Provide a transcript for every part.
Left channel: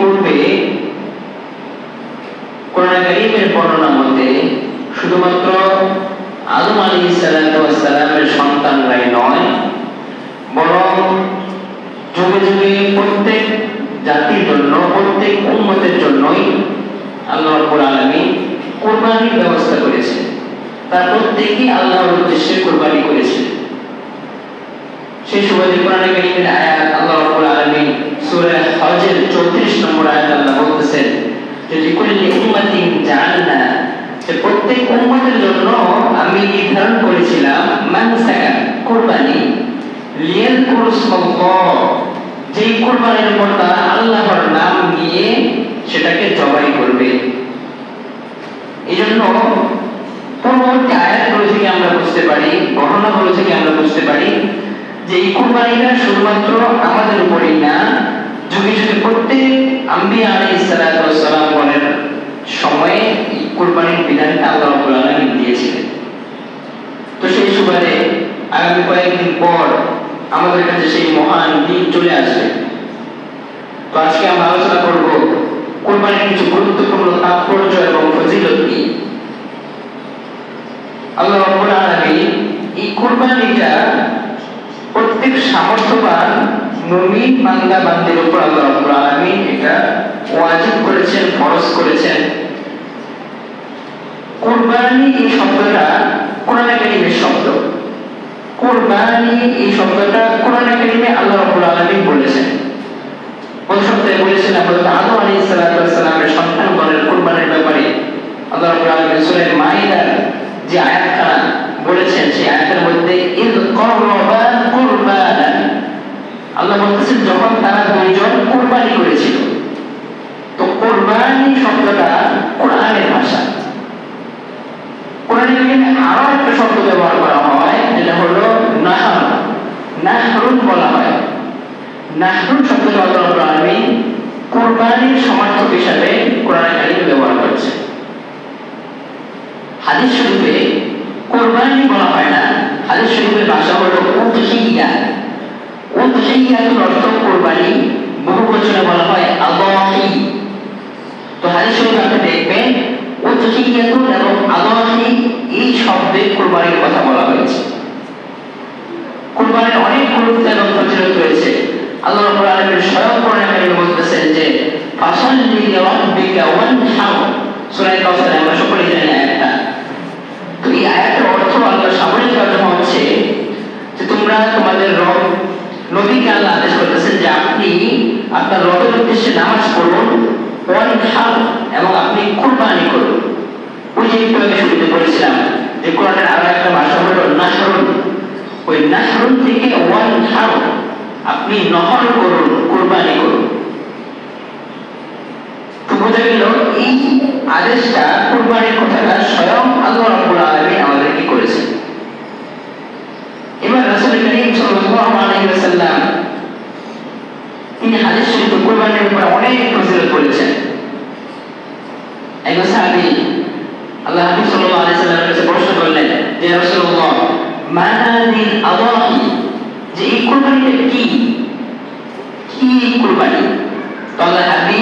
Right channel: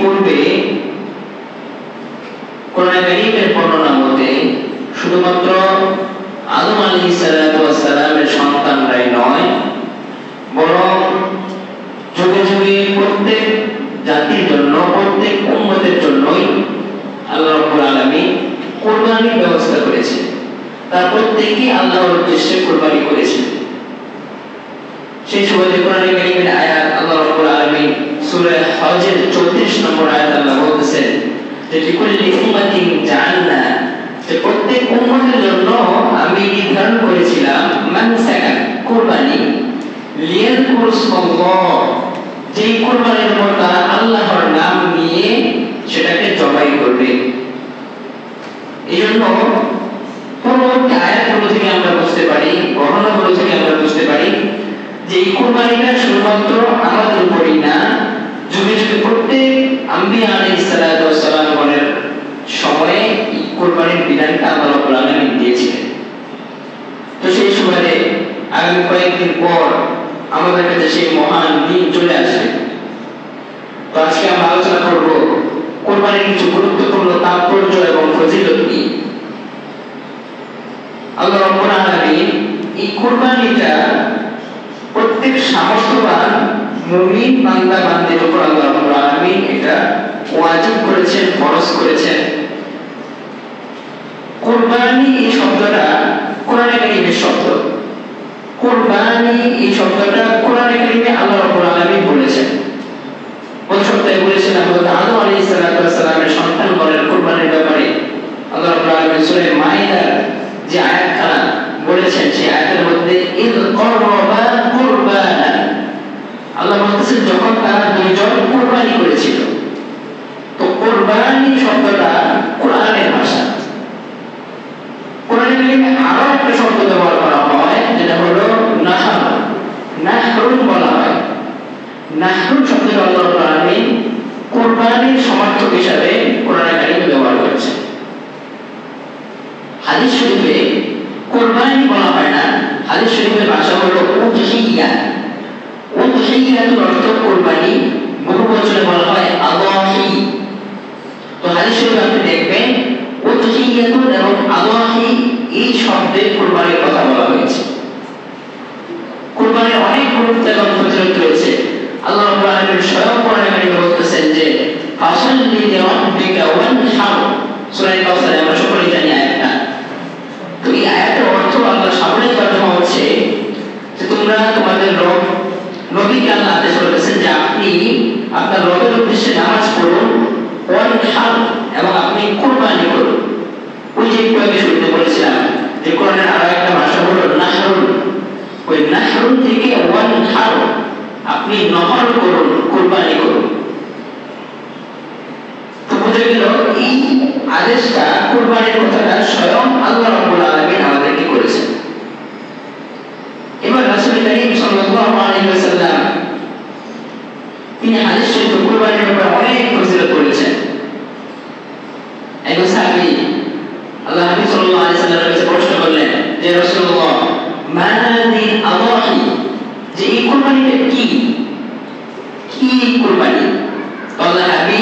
ইতিপূর্বে কোরআন কারীমের বর্ণনা মতে শুধুমাত্র আদম আলাইহিস সালামের সন্তানরাই নয়, বরং যুগে যুগে প্রত্যেক জাতির জন্য, প্রত্যেক উম্মতের জন্যই আল্লাহ রাব্বুল আলামিন কুরবানির ব্যবস্থা করেছেন। তার প্রত্যেকই আল্লাহর উদ্দেশ্যে কুরবানি করেছেন। সেই সুবাদে কোরআন কারীমের আয়াত আল্লাহ রাব্বুল আলামিন সূরা হজের 34 নম্বর আয়াত আল্লাহ বলতেছেন যে লিকুল্লি উম্মাতিন জাআলনা, যে প্রত্যেক উম্মতের জন্য আমি নির্ধারণ করেছিলাম মানসাকা কুরবানি, লিয়াযকুরুল্লাহ, যে কুরবানির পর তারা আল্লাহর নাম নিয়ে সেটাকে জবাই করবে। এজন্য পরবর্তী আয়াতগুলো থেকে আমরা বুঝতে পারি, বর্ণনাগুলো থেকে আমরা বুঝতে পারি যে এই কুরবানিটা শুধুমাত্র আমাদের উপরেই না, যুগে যুগে প্রত্যেক আম্বিয়া আলাইহিস সালামের সময়ে এই কুরবানির বিধানটা আল্লাহ রাব্বুল আলামিন দিয়েছিলেন। তো সেই সুবাদে আগামী কয়েকদিন পর আমাদের কাছে সেই মহান দিন চলে আসবে। তো আজকে আমরা আলোচনা করব কুরবানির কিছু গুরুত্বপূর্ণ তাৎপর্য এবং ফজিলত নিয়ে। আল্লাহ রাব্বুল আলামিন এই কুরবানিটা প্রত্যেক সামর্থ্যবান মুমিন বান্দা বান্দির উপর আল্লাহ রাব্বুল আলামিন এটা ওয়াজিব করেছেন, ফরজ করেছেন। কুরবানি এই শব্দটা কোরআনে কারীমের শব্দ। কুরবানি এই শব্দটা কোরআনে কারীমে আল্লাহ রাব্বুল আলামিন বলেছেন। ওই শব্দে বলেছেন হযরত আদম আলাইহিস সালামের সন্তানগণের কুরবানির ব্যাপারে আল্লাহ রাব্বুল আলামিন সূরা মাইদার যে আয়াতটা বলেছেন, সেই আয়াতের মধ্যে ইয করবা কুরবানা, আল্লাহ বলছেন যখন তারা দুইজন কুরবানি করেছিল। তো কুরবানি শব্দটা কোরআনের ভাষা। কোরআনে কারীমে আরো একটা শব্দ ব্যবহার করা হয় যেটা হলো নাহর, নাহরুন বলা হয়। নাহরুন শব্দটা আল্লাহ রাব্বুল আলামিন কুরবানির সমার্থক হিসাবে কোরআনে কারীমে ব্যবহার করেছেন। হাদিস শরীফে কুরবানি বলা হয় না, হাদিস শরীফের ভাষা হলো উযহিয়া। উযহিয়াতুল অর্থ কুরবানি, বহুবচনে বলা হয় আযাহি। তো হাদিস শরীফে আপনি দেখবেন উযহিয়াতুল এবং আযাহি এই শব্দে কুরবানির কথা বলা হয়েছে। কুরবানির অনেক গুরুত্ব এবং ফজিলত রয়েছে। আল্লাহ রাব্বুল আলামিন স্বয়ং কোরআনে কারীমে বলতেছেন যে ফাসাল্লি লিরাব্বিকা ওয়ানহার, সূরা কাউসারে আমরা সকলেই জানি আয়াতটা। তো এই আয়াতের অর্থ আল্লাহ সামনে তর্জমা হচ্ছে যে তোমরা তোমাদের রব নবীকে আল্লাহ আদেশ করেছেন যে আপনি আপনার রবের উদ্দেশ্যে নামাজ পড়ুন, ওয়ানহার, এবং আপনি কুরবানি করুন। ওই যে একটু আগে শুরুতে বলেছিলাম যে কোরআনের আরো একটা ভাষা হলো নাহরুন। ওই নাহরুন থেকে ওয়ানহার, আপনি নহর করুন, কুরবানি করুন। তো বোঝা গেল এই আদেশটা, কুরবানির কথাটা স্বয়ং আল্লাহ রাব্বুল আলামিন আমাদেরকে করেছেন। এবার রাসূল করিম সাল্লাল্লাহু আলাইহি ওয়াসাল্লাম তিনি হাদিস শরীফে কুরবানির ব্যাপারে অনেক ফজিলত বলেছেন। একজন সাহাবী আল্লাহ নবী সাল্লাল্লাহু আলাইহি ওয়াসাল্লামের কাছে প্রশ্ন করলেন যে রাসূলুল্লাহ মানাদি আযাহি, যে এই কুরবানিটা কি, কি কুরবানি? তো আল্লাহ নবী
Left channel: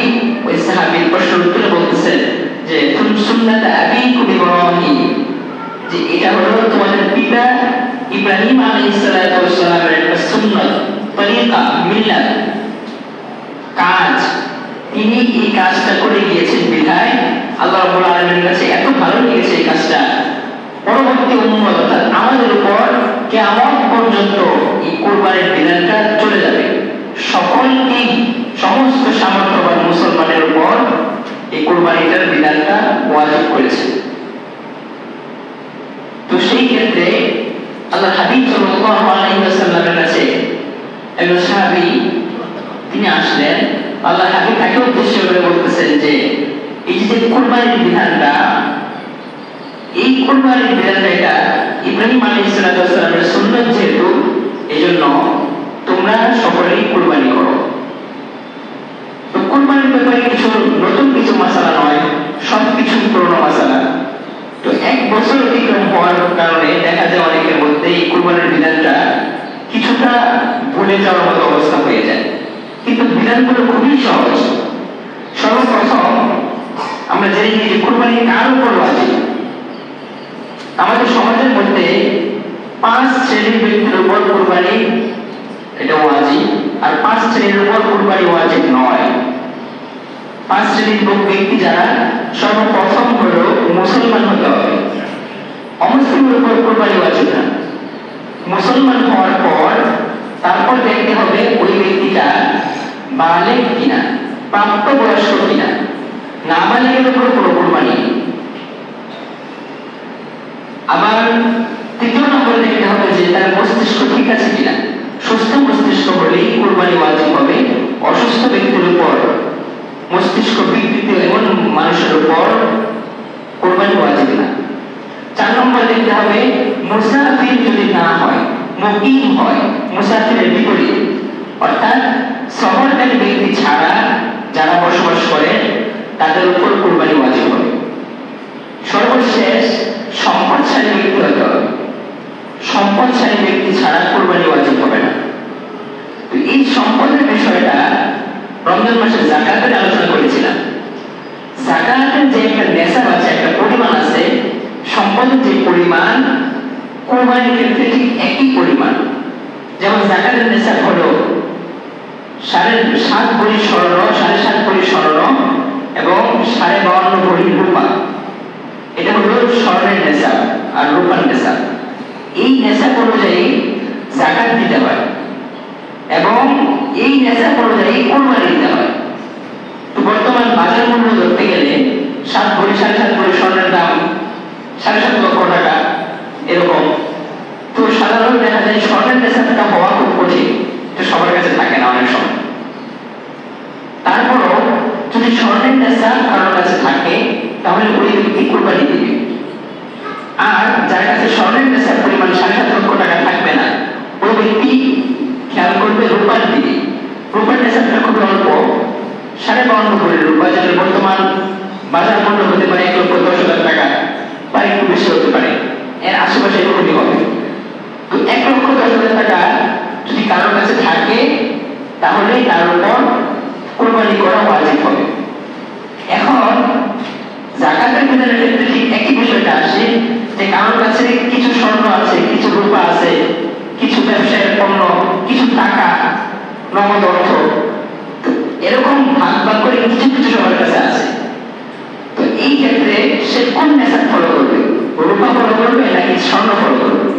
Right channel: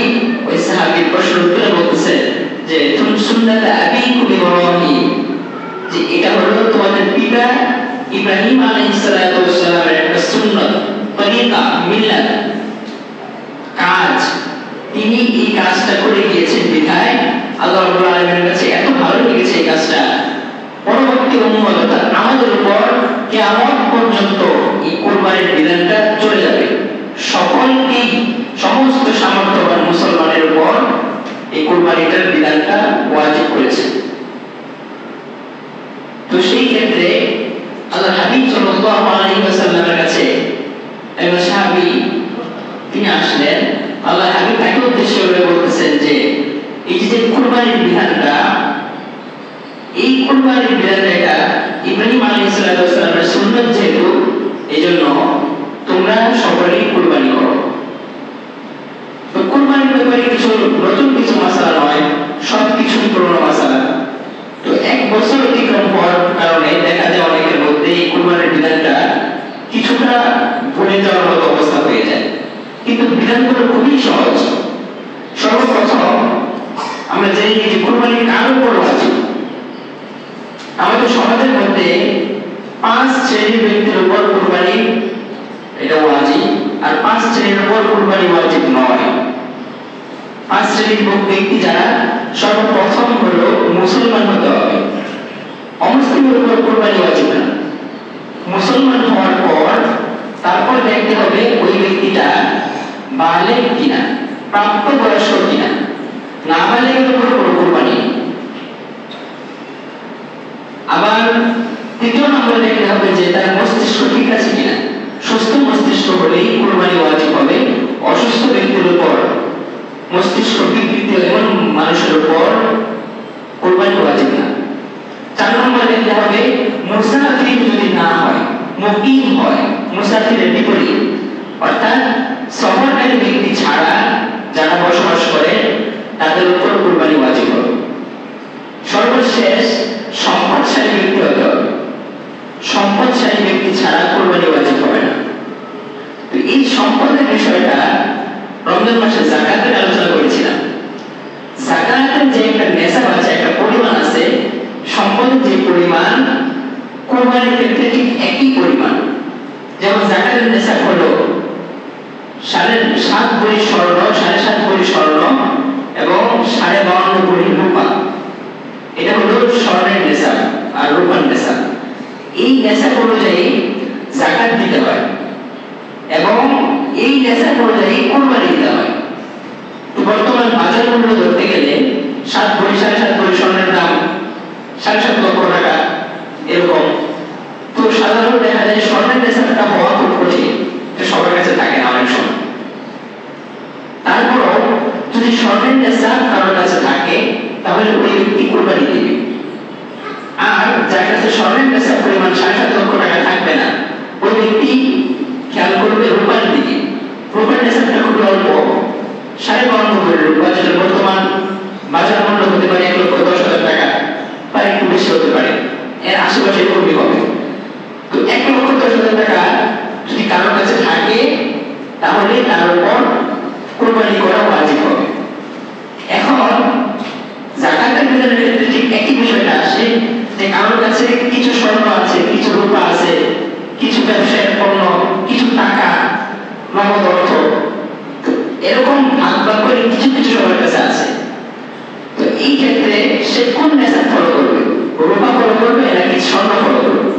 ওই সাহাবীর প্রশ্নের উত্তরে বলতেছেন যে তুমি সুন্নাত আবিকুম ইব্রাহিম, যে এটা হলো তোমাদের পিতা ইব্রাহিম আলাইহিস সালামের একটা সুন্নাত, তরিকা, মিল্লাত, কাজ। তিনি এই কাজটা করে গিয়েছেন বিধায় আল্লাহ রাব্বুল আলামিনের কাছে এত ভালো লেগেছে এই কাজটা। পরবর্তী উম্মত অর্থাৎ আমাদের উপর কিয়ামত পর্যন্ত এই কুরবানির বিধানটা চলে যাবে। সকলকেই, সমস্ত সামর্থ্যবান মুসলমানের উপর এই কুরবানিটার বিধানটা ওয়াজিব করেছে। তো সেই ক্ষেত্রে আল্লাহ হাবিব সাল্লাল্লাহু আলাইহি ওয়াসাল্লামের কাছে একজন সাহাবী তিনি আসলেন। আল্লাহ হাবিব তাকে উদ্দেশ্য করে বলতেছেন যে এই যে কুরবানির বিধানটা, এই কুরবানির বিধানটা এটা ইব্রাহিম আলাইহিস সালামের সুন্নাত, যেহেতু এজন্য তোমরা সকলেই কুরবানি করো। তো কুরবানির ব্যাপারে কিছু নতুন কিছু মাসালা নয়, সবকিছু পুরনো মাসালা। তো এক বছর অতিক্রম হওয়ার কারণে দেখা যায় অনেকের মধ্যে এই কুরবানির বিধানটা কিছুটা ভুলে যাওয়ার মতো অবস্থা হয়ে যায়। কিন্তু বিধানগুলো খুবই সহজ। জেনে নিই যে কুরবানি কার উপর ওয়াজিব। আমাদের সমাজের মধ্যে 5 শ্রেণীর ব্যক্তির উপর কুরবানি এটা ওয়াজিব, আর 5 শ্রেণীর উপর কুরবানি ওয়াজিব নয়। 5 শ্রেণীর ব্যক্তি যারা, সর্বপ্রথম হলো মুসলমান হতে হবে। অমুসলিমের উপর কুরবানি ওয়াজিব না। মুসলমান হওয়ার পর তারপর দেখতে হবে ওই ব্যক্তিটা বালেগ কিনা, প্রাপ্তবয়স্ক কিনা। নাবালেগের উপর কোনো কুরবানি। আবার তৃতীয় নম্বরে দেখতে হবে যে তার মস্তিষ্ক ঠিক আছে কিনা। সুস্থ মস্তিষ্ক হলেই কুরবানি ওয়াজিব হবে। অসুস্থ ব্যক্তির উপর, মস্তিষ্ক বিকৃত এমন মানুষের উপর কুরবানি ওয়াজিব না। 4 নম্বরে দেখতে হবে মুসাফির যদি না হয়, মুকিম হয়, মুসাফিরের বিপরীত, অর্থাৎ সফরকারী ব্যক্তি ছাড়া যারা বসবাস করে তাদের উপর কুরবানি ওয়াজিব হবে। সর্বশেষ সম্পদশালী ব্যক্তি হতে হবে। সম্পদশালী ব্যক্তি ছাড়া কুরবানি ওয়াজিব হবে না। তো এই সম্পদের বিষয়টা রমজান মাসে যাকাতের আলোচনা করেছিলাম। যাকাতের যে একটা নেশাব আছে, একটা পরিমাণ আছে, সম্পদের যে পরিমাণ কুরবানির ক্ষেত্রে ঠিক একই পরিমাণ। যেমন যাকাতের নেশাব হলো 7.5 ভরি স্বর্ণ, 7.5 ভরি স্বর্ণ এবং 52.5 ভরি রূপা। এটা হলো স্বর্ণের নেশাব আর রূপার নেশাব। এই নেশাব অনুযায়ী যাকাত দিতে হয় এবং এই নেশাব অনুযায়ী কুরবানি দিতে হয়। তো বর্তমান বাজার মূল্য ধরতে গেলে 7 ভরি 7.5 ভরি স্বর্ণের দাম 7.5 লক্ষ টাকা এরকম। তো সাধারণত দেখা যায় স্বর্ণের নেশাবটা হওয়া খুব কঠিন, তো সবার কাছে থাকে না অনেক সময়। তারপরও যদি স্বর্ণের নেশাব কারোর কাছে থাকে তাহলে ওই ব্যক্তি কুরবানি দিবে। আর যার কাছে স্বর্ণের নেশাব পরিমাণ 7.5 লক্ষ টাকা থাকবে না, ওই ব্যক্তি খেয়াল করবে রূপার দিকে। রূপার নেশাবটা খুব অল্প, 52.5 ভরি রূপা, যেটা বর্তমান বাজার মূল্য হতে পারে 1,10,000 টাকা বা একটু বেশি হতে পারে, এর আশেপাশে এরকমই হবে। তো 1,10,000 টাকা যদি কারোর কাছে থাকে তাহলে তার উপর কুরবানি করা ওয়াজিব হবে। এখন যাকাতের বিধানের ক্ষেত্রে ঠিক একই বিষয়টা আসে যে কারোর কাছে কিছু স্বর্ণ আছে, কিছু রূপা আছে, কিছু ব্যবসায়ের পণ্য, কিছু টাকা, নগদ অর্থ, এরকম ভাগ ভাগ করে কিছু কিছু সবার কাছে আছে। তো এই ক্ষেত্রে সে কোন নেশাব ফলো করবে? রূপা ফলো করবে নাকি স্বর্ণ ফলো করবে?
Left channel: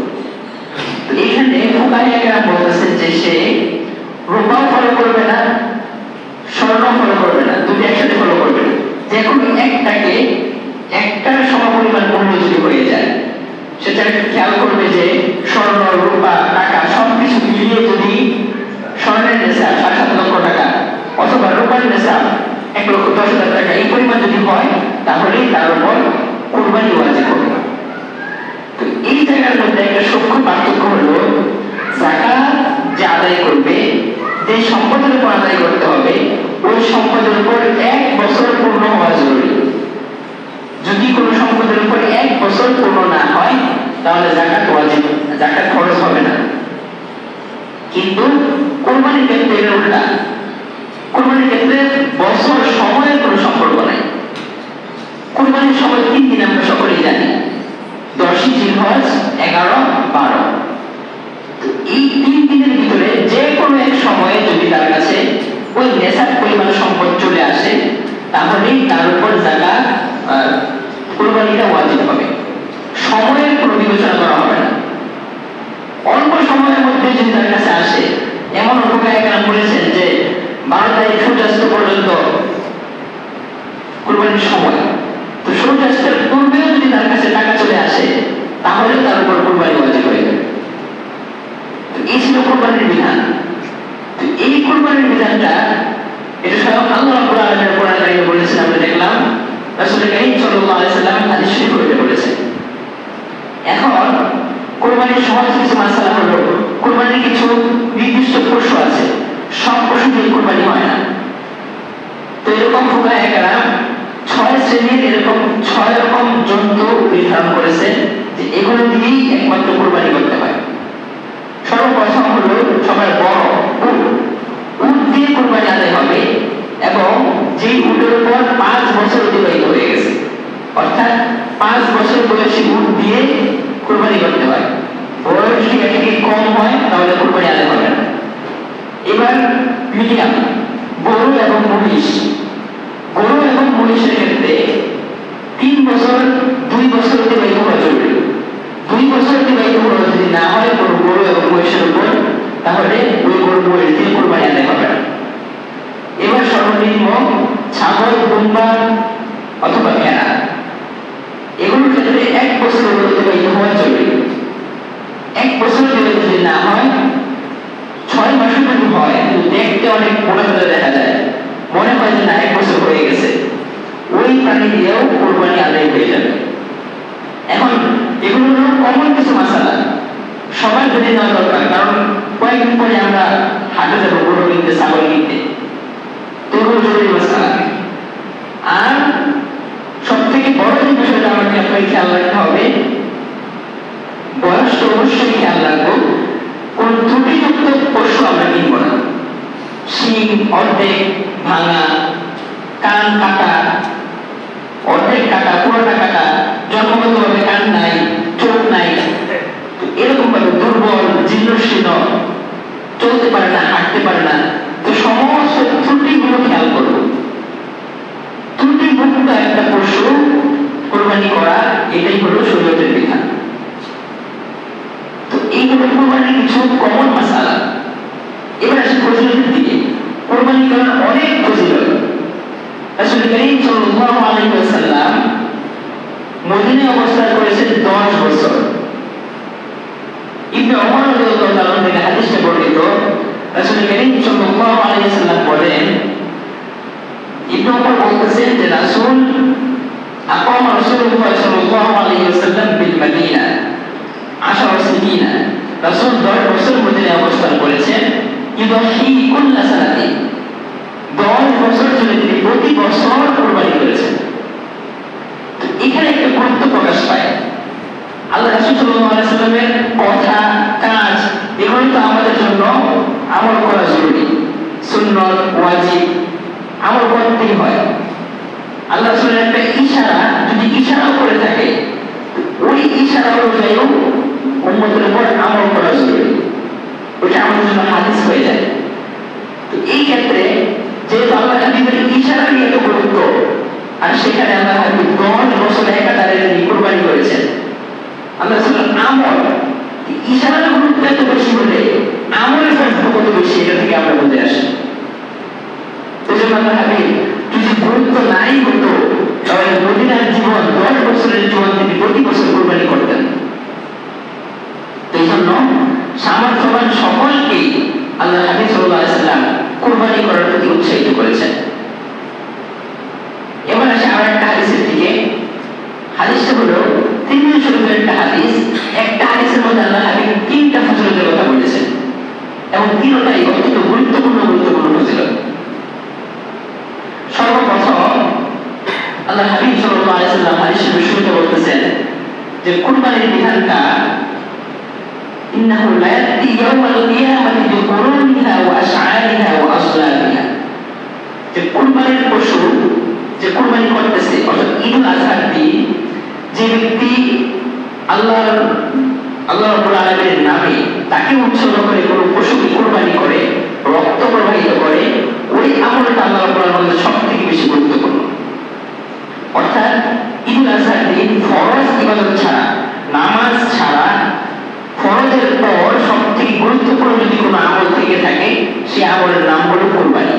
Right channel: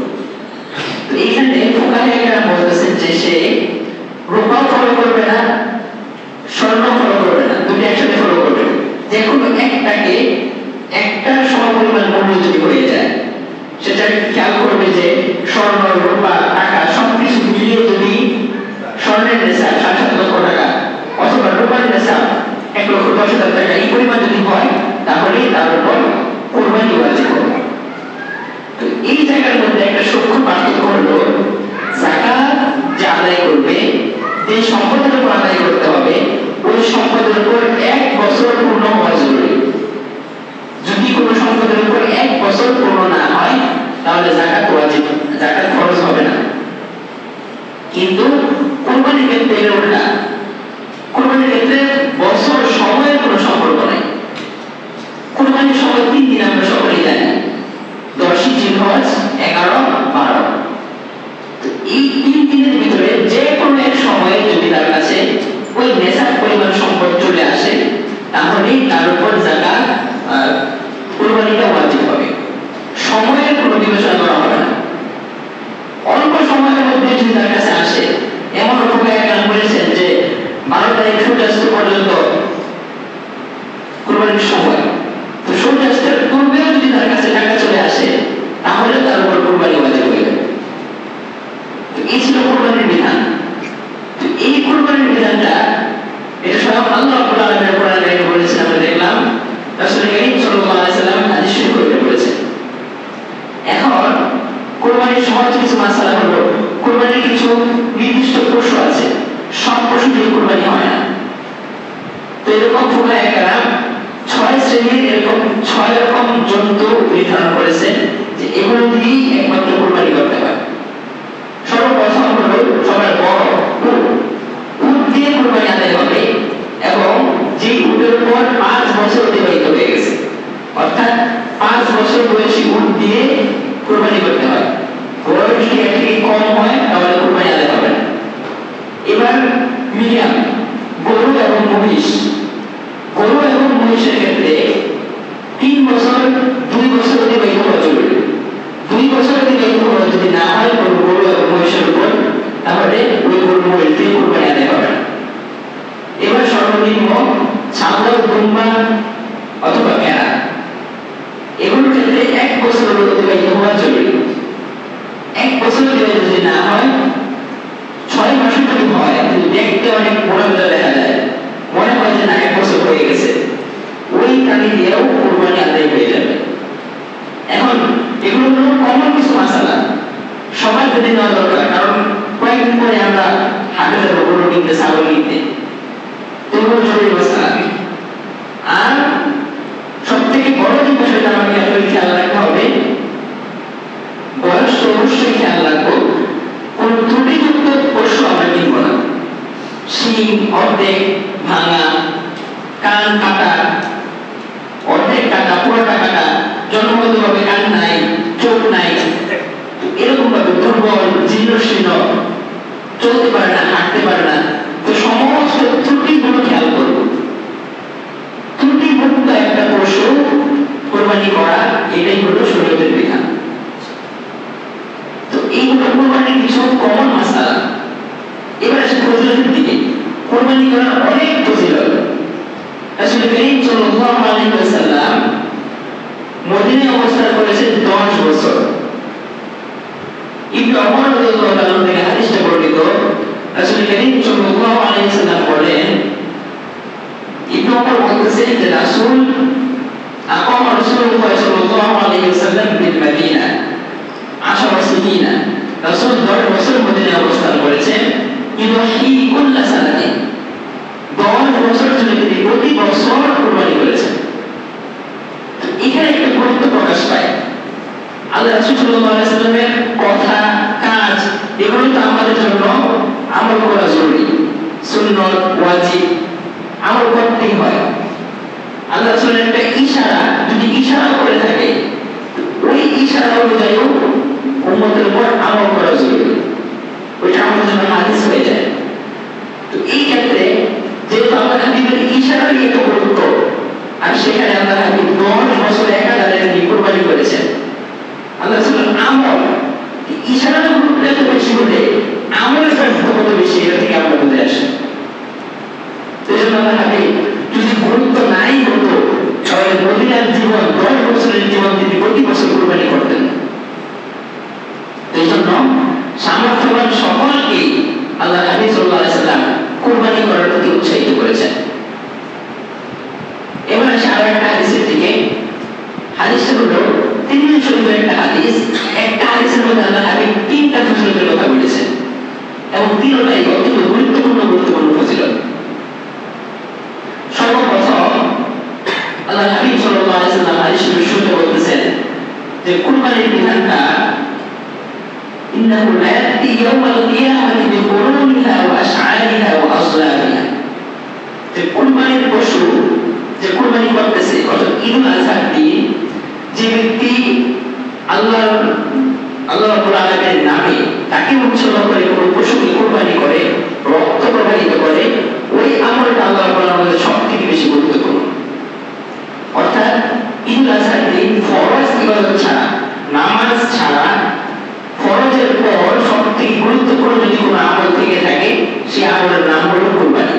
এইখানে ফুকাহায়েরা বলতেছেন যে সে রূপাও ফলো করবে না, স্বর্ণ ফলো করবে না, দুটো একসাথে ফলো করবে। যে কোনো একটাকে, একটা সমপরিমাণ মূল্য যদি হয়ে যায়, সেটা খেয়াল করবে যে স্বর্ণ, রূপা, টাকা সবকিছু মিলিয়ে যদি স্বর্ণের নেশাব 7.5 লক্ষ টাকা অথবা রূপার নেশাব 1,10,000 টাকা এই পরিমাণ যদি হয় তাহলেই তার উপর কুরবানি ওয়াজিব হবে। তো এই জায়গার মধ্যে একটা সূক্ষ্ম পার্থক্য হলো যাকাত যে আদায় করবে, যে সম্পদের উপর আদায় করতে হবে, ওই সম্পদের উপর 1 বছর পূর্ণ হওয়া জরুরি। যদি কোনো সম্পদের উপর 1 বছর পূর্ণ না হয় তাহলে যাকাত ওয়াজিব, যাকাত খরচ হবে না। কিন্তু কুরবানির ক্ষেত্রে এর উল্টা। কুরবানির ক্ষেত্রে বছর সময়ের কোনো সম্পর্ক নাই। কুরবানির সময় 3 দিন আমরা সকলেই জানি, 10ই জিলহজ, 11, 12। এই 3 দিনের ভিতরে যে কোনো এক সময়ে যদি তার কাছে ওই নেশাব পরিমাণ সম্পদ চলে আসে তাহলেই তার উপর যাকাত, কুরবানিটা ওয়াজিব হবে। সময়ের কোনো বিবেচনা করা হবে না। অল্প সময়ের মধ্যে যদি তার কাছে আসে, এমন ফুকাহায়েরা বলেছেন যে 12 তারিখ সূর্যাস্ত পর্যন্ত কুরবানির সময়, তো সূর্যাস্তের পূর্বেও যদি তার কাছে টাকা চলে আসে তাহলে তার উপর কুরবানি ওয়াজিব হয়ে যাবে। তো এই ছিল কুরবানির বিধান। তো এই কুরবানির বিধানটা এটা স্বয়ং আল্লাহ রাব্বুল আলামিন কোরআন কারীমে বলেছেন। আমরা দেখলাম রাসূল কারীম সাল্লাল্লাহু আলাইহি ওয়াসাল্লাম হাদিস শরীফে বলেছেন। এখন কুরবানির সহজ কিছু মাসআলা হলো, কুরবানির কিছু নির্দিষ্ট পশু আছে, সব পশু দিয়ে কুরবানি হয় না। তো এরকম ফুকাহায়েরা 6 শ্রেণীর এরকম 6 রকম জন্তু নির্ধারণ করেছেন যে এগুলো দিয়েই একমাত্র কুরবানি করতে হয়। সর্বপ্রথম হলো সবার বড় উট। উট দিয়ে কুরবানি আদায় হবে এবং যে উটের উপর 5 বছর অতিবাহিত হয়ে গেছে, অর্থাৎ 5 বছর বয়সী উট দিয়ে কুরবানি করতে হয়। বয়স যদি একটি কম হয় তাহলে কুরবানি আদায় হবে না। এবার মিডিয়াম গরু এবং মহিষ, গরু এবং মহিষের ক্ষেত্রে 3 বছর 2 বছর অতিবাহিত হওয়া জরুরি। 2 বছর অতিবাহিত হওয়া যদি না হয় গরু এবং মহিষের উপর, তাহলে ওই গরু মহিষ দিয়ে কুরবানি আদায় হবে না। এবার সর্বনিম্ন ছাগল, দুম্বা অথবা ভেড়া, এগুলোর ক্ষেত্রে 1 বছর অতিবাহিত হওয়া জরুরি। 1 বছর অতিবাহিত যদি না হয়, 6 মাসের যদি হয় কিন্তু দেখতে অনেক মোটা দেখা যায়, মনে হয় যে না 1 বছর হয়ে গেছে, ওই প্রাণী দিয়েও কুরবানি আদায় হয়ে যাবে। এখন এগুলো হলো কমন কিছু মাসালা, সবার যদি নেওয়া দরকার, কারণ কয়েকদিন পরে আমরা হাটে যাবো গরু কিনতে, ছাগল কিনতে, এগুলো জরুরি মাসালা। আর সব থেকে বড় যে বিষয়টা আমাকে আপনার খেয়াল রাখতে হবে, বয়স অবশ্যই খেয়াল রাখবো, কোন ত্রুটিযুক্ত পশু আমরা কিনব না। শিং অর্ধেক ভাঙা, কান কাটা, অর্ধেক কাটা, পুরোটা কাটা, জন্মগতভাবে কান নাই, চোখ নাই, এরকম ভাবে দুর্বল, জীর্ণশীর্ণ, চলতে পারে না, হাঁটতে পারে না, তো সমস্ত ত্রুটিগুলো খেয়াল করব। ত্রুটিমুক্ত একটা পশু কোরবানি করা, এটাই হলো শরীয়তের বিধান। তো এইগুলো কোরবানির কিছু কমন মাসালা। এবার আসে ফজিলতের দিকে। কোরবানি করার অনেক ফজিলত। রাসূল করিম সাল্লাল্লাহু আলাইহি ওয়াসাল্লাম মদিনায় অবস্থান করেছেন 10 বছর। ইবনে ওমর রাদিয়াল্লাহু তাআলা থেকে হাদিসটা বর্ণিত, রাসূল করিম সাল্লাল্লাহু আলাইহি ওয়াসাল্লাম বলেন, ইবনে ওমর বলতেছেন যে রাসূল আকামা রাসূলুল্লাহ সাল্লাল্লাহু আলাইহি ওয়াসাল্লাম বিল মদিনা 10 সিনিনা, রাসূল 10 বছর মদিনায় অবস্থান করেছেন। ইউহি কুল্লা সানাতিন, 10 বছর ধরে তিনি প্রতি বছর কুরবানি করেছেন। তো এখানে একটা গুরুত্ব প্রকাশ পায়। আল্লাহ রাসূল সাল্লাল্লাহু আলাইহি ওয়াসাল্লামের কথা, কাজ, এগুলো তো আমাদের জন্য আমল করা জরুরি, সুন্নাত, ওয়াজিব, আমল করতেই হয়। আল্লাহ রাসূলের একটা ইশারা যদি ইশারা করে থাকে, ওই ইশারা অনুযায়ী উম্মতের উপর আমল করা জরুরি, ওইটা আমাদের জন্য হাদিস হয়ে যায়। তো এই ক্ষেত্রে যেহেতু আল্লাহ হাবিবের ইশারার এত গুরুত্ব, আর সেখানে আল্লাহ হাবিব 10 বছর একাধারে তিনি কুরবানি করেছেন, আল্লাহ রাসূলের আমল, ইশারার গুরুত্ব এত বেশি হলে আমলের গুরুত্ব কত বেশি, এটা থেকে আমরা বুঝে আসি। এজন্য আল্লাহ হাবিব যদি গুরুত্ব নাই হতো, তাহলে মদিনার জীবন 10 বছরের জীবন তিনি প্রতি বছর কুরবানি করতেন। এই জন্য সামর্থ্যবান সকলকে আল্লাহ হাবিব সাল্লাল্লাহু আলাইহি ওয়াসাল্লাম কুরবানি করার প্রতি উৎসাহিত করেছেন। এবার আসে আরেকটা হাদিসের দিকে। হাদিসটা হলো তিরমিজি শরীফের একটা হাদিস। একটা হাদিসের মধ্যে আল্লাহ হাবিব 3টা ফজিলতের কথা বলেছেন, এবং তিনটাই অত্যন্ত গুরুত্বপূর্ণ ফজিলত। সর্বপ্রথম আল্লাহ হাবিব সাল্লাল্লাহু আলাইহি ওয়াসাল্লাম হাদিসের শুরুতে বলতেছেন যে কুরবানির বিধানটা ইন্নাহু লা ইয়াতি ইয়াওমাল কিয়ামাতি বিকুরুনিহা ওয়া আশআরিহা ওয়া আসলাবিহা, যে কুরবানির পশু যে কুরবানি করতেছে, অর্থাৎ ঈদুল আযহার দিন যে ব্যক্তি আল্লাহ রাব্বুল আলামিনের নামে তাকে উৎসর্গ করে কোনো পশু কুরবানি করে, রক্ত প্রবাহিত করে, ওই আমলটা আল্লাহ রাব্বুল আলামিনের সবথেকে বেশি গুরুত্বপূর্ণ। অর্থাৎ ঈদুল আযহার দিন ফরজ ইবাদত ছাড়া, নামাজ ছাড়া, ফরজের পর সবথেকে গুরুত্বপূর্ণ যদি কোনো আমল থেকে থাকে, সেই আমলের নাম হলো কুরবানি।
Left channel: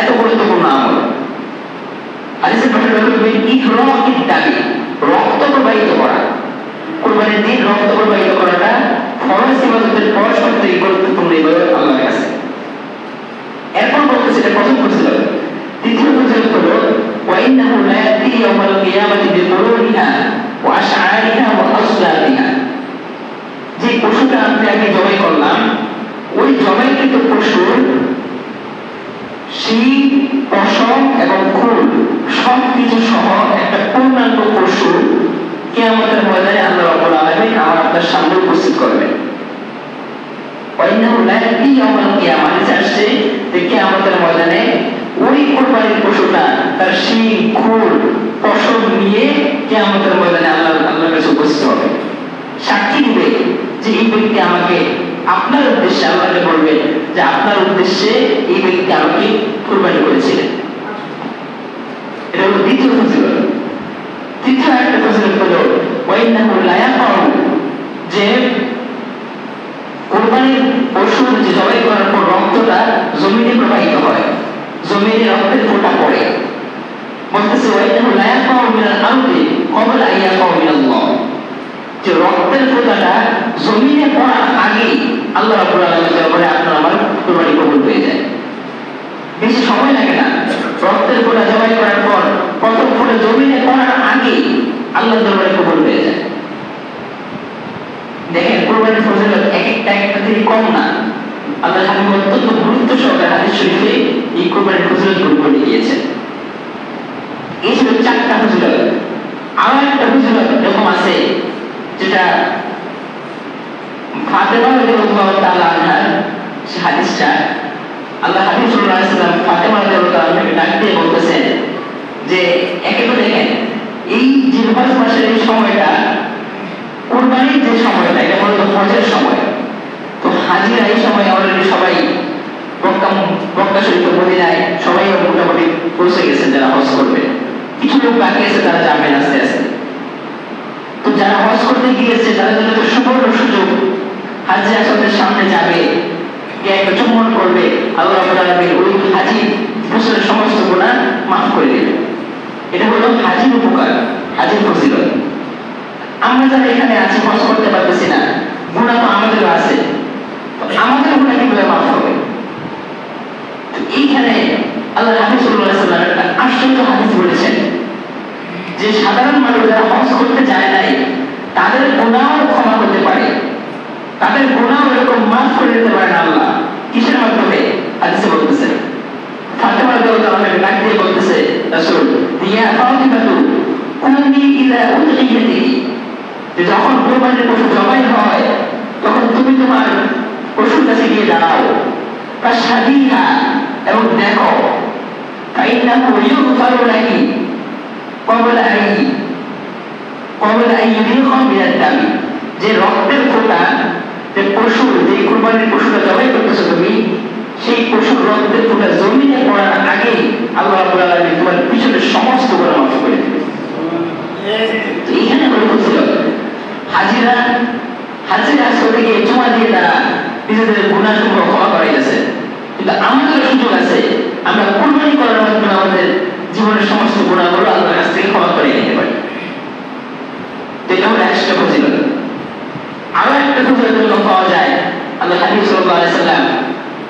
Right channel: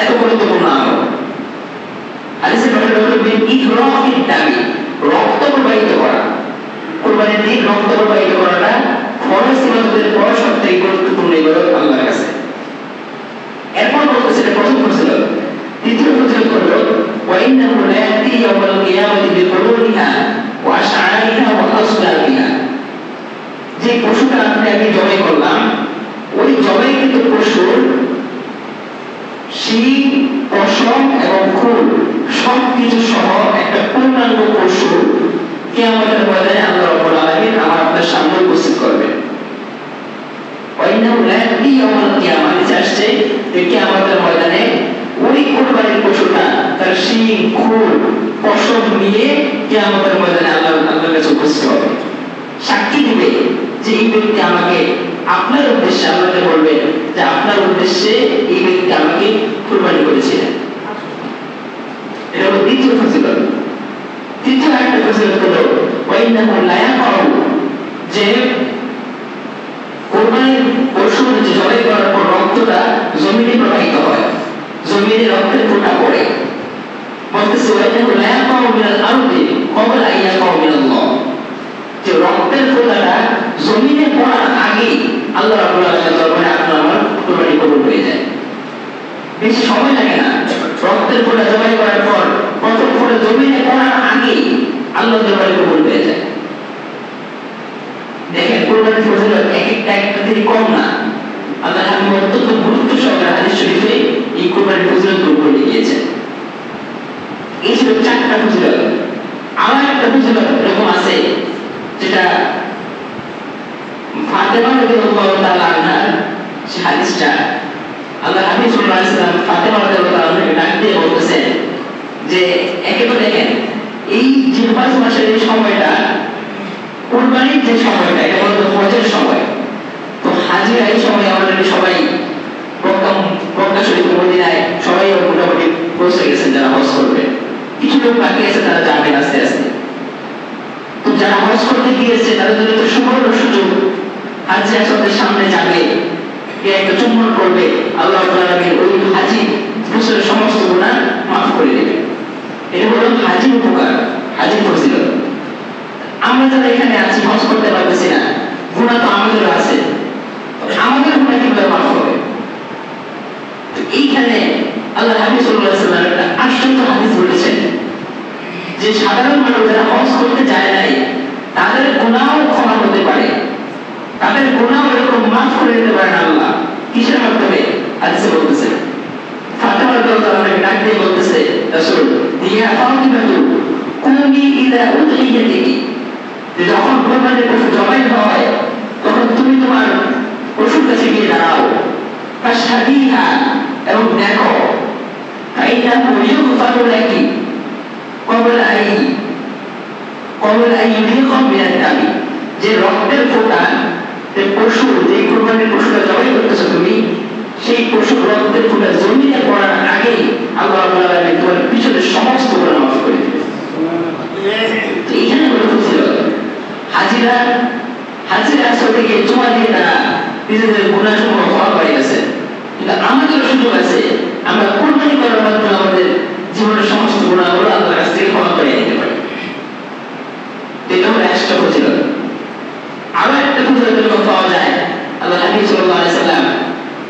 এত গুরুত্বপূর্ণ আমল। হাদিসে বলা হয়েছে ইহরাকিদ দামি, রক্ত প্রবাহিত করা। কুরবানির দিন রক্ত প্রবাহিত করাটা ফরজ ইবাদতের পর সবথেকে গুরুত্বপূর্ণ ইবাদত আল্লাহর কাছে। এরপর বলতেছে প্রথম ফজিলত। দ্বিতীয় ফজিলত হলো ওয়া ইন্নাহু লা ইয়াতি ইয়াওমাল কিয়ামাতি বিকুরুনিহা ওয়া আশআরিহা ওয়া আসলাবিহা, যে পশুটা আমি জবাই করলাম, ওই জবাইকৃত পশুর শিং, পশম এবং খুর সবকিছু সহ একটা পূর্ণাঙ্গ পশু কিয়ামতের ময়দানে আল্লাহ রাব্বুল আলামিন আমার আপনার সামনে উপস্থিত করবেন। ওয়াইন্নাহু লা ইয়াতি ইয়াওমাল কিয়ামাহ, আসছে যে কিয়ামতের ময়দানে ওই কুরবানির পশুটা তার সেই খুর ফসল নিয়ে কিয়ামতের ময়দানে আল্লাহর কাছে উপস্থিত হবে, সাক্ষী দিবে যে এই ব্যক্তি আমাকে আপনার উদ্দেশ্যে, আল্লাহকে বলবে যে আপনার উদ্দেশ্যে এই ব্যক্তি আমাকে কুরবানি করেছিলেন। এটা হলো দ্বিতীয় ফজিলত। তৃতীয় একটা ফজিলত হলো ওয়াইন্নাহু লা ইয়াকাউ, যে কুরবানির পশুর যে জবাই করার পর রক্তটা জমিনে প্রবাহিত হয়, জমিনে রক্তের ফোঁটা পড়ে। বলতেছে ওয়াইন্নাহু লা ইয়াকাউ মিনাল আরদি ক্বাবলা আন ইয়াকাউ মিনাল্লাহ, যে রক্তের ফোঁটাটা জমিনে পড়ার আগেই আল্লাহ রাব্বুল আলামিন বলে আপনার আমার কুরবানি কবুল হয়ে যায়। বেশি সময় লাগে না, রক্তের ফোঁটা জবাই করার পর প্রথম ফোঁটা জমিনে পড়ার আগেই আল্লাহর দরবারে কবুল হয়ে যায়। দেখেন কুরবানির ফজিলত এক একটা থেকে কম না। আল্লাহ হাবিব অত্যন্ত গুরুত্ব সহকারে হাদিস শরীফে এই কুরবানির ফজিলত বলে গিয়েছেন। এই ছিল 4টা ফজিলত। আরো একটা ফজিলত এরকম আছে যেটা ফাতেমা রাদিয়াল্লাহু তাআলা আনহা, সেই হাদিসটা আল্লাহ হাবিব সাল্লাল্লাহু আলাইহি ওয়াসাল্লাম ফাতেমা রাদিয়াল্লাহু তাআলাকে ডাক দিয়ে বলতেছেন যে একেবারে দেখেন এই জিলহজ মাসের এই সময়টা কুরবানির যে সময়টা, এটা হলো হজের সময়। তো হাজিরা এই সময় অলরেডি সবাই মক্কা শরীফ মদিনায় সবাই মোটামুটি পৌঁছে গেছেন যারা হজ করবে। কিছু লোক বাকি আছে, তারা যাবেন আস্তে আস্তে। তো যারা হজ করতে গিয়েছে তাদের জন্য একটা সুবর্ণ সুযোগ, হাজি আসরের সামনে যাবে, কে একটা চুম্বন করবে, আল্লাহ রাব্বুল আলামিন ওই হাজি বছরের সমস্ত গুনাহ মাফ করে দেবে। এটা হলো হাজির উপকার, হাজির ফজিলত। আমরা যারা এখানে আছি হজ করতে পারতেছি না, গুনাহ তো আমাদেরও আছে, আমাদের গুনাহ কিভাবে মাফ হবে? এইখানে আল্লাহ হাবিব সাল্লাল্লাহু আলাইহি ওয়াসাল্লাম একটা আশ্চর্য হাদিস বলেছেন যে সাধারণ মানুষ যারা হজ করতে যায় নাই তাদের গুনাহও ক্ষমা হতে পারে, তাদের গুনাহ এরকম মাফ করে দিতে পারেন আল্লাহ। কিসের মাধ্যমে? হাদিসে বলতেছেন ফাতেমা রাদিয়াল্লাহু আনহা ডাক দিয়ে বলতেছে, রাসূল ইয়া ফাতিমাতু কুনি ইলা উযহিয়াতিকি, যে যখন কুরবানির পশু জবাই হয় তখন তুমি তোমার পশুর কাছে গিয়ে দাঁড়াও, ফাশহাদিহা, এবং দেখো, ফাইন্নাহু ইউগফারু লাকি ক্বাবলা আন ইউরিখা মিনাদ দামি, যে রক্তের ফোঁটা যে পশুর, যে কুরবানির পশুটা জবাই করতেছো তুমি, সেই পশুর রক্তের ফোঁটা জমিনে পড়ার আগে আল্লাহ রাব্বুল আলামিন তোমার পিছনের সমস্ত গুনাহ মাফ করে দিবেন। এইখানে বলে ফজিলত, হাজিরা আসরে গিয়ে জমা দিয়ে তারা নিজেদের গুনাহসমূহ ক্ষমা করে গেছে। কিন্তু আমাদের সুযোগ আছে, আমরা কুরবানি করার মাধ্যমে আমাদের জীবনের সমস্ত গুনাহগুলো আল্লাহর কাছ থেকে ক্ষমা করে নিতে পারি। এটা হলো একটা ফজিলত। আরো একটা ফজিলত পাওয়া যায়, আল্লাহ হাবিব সাল্লাল্লাহু আলাইহি ওয়াসাল্লাম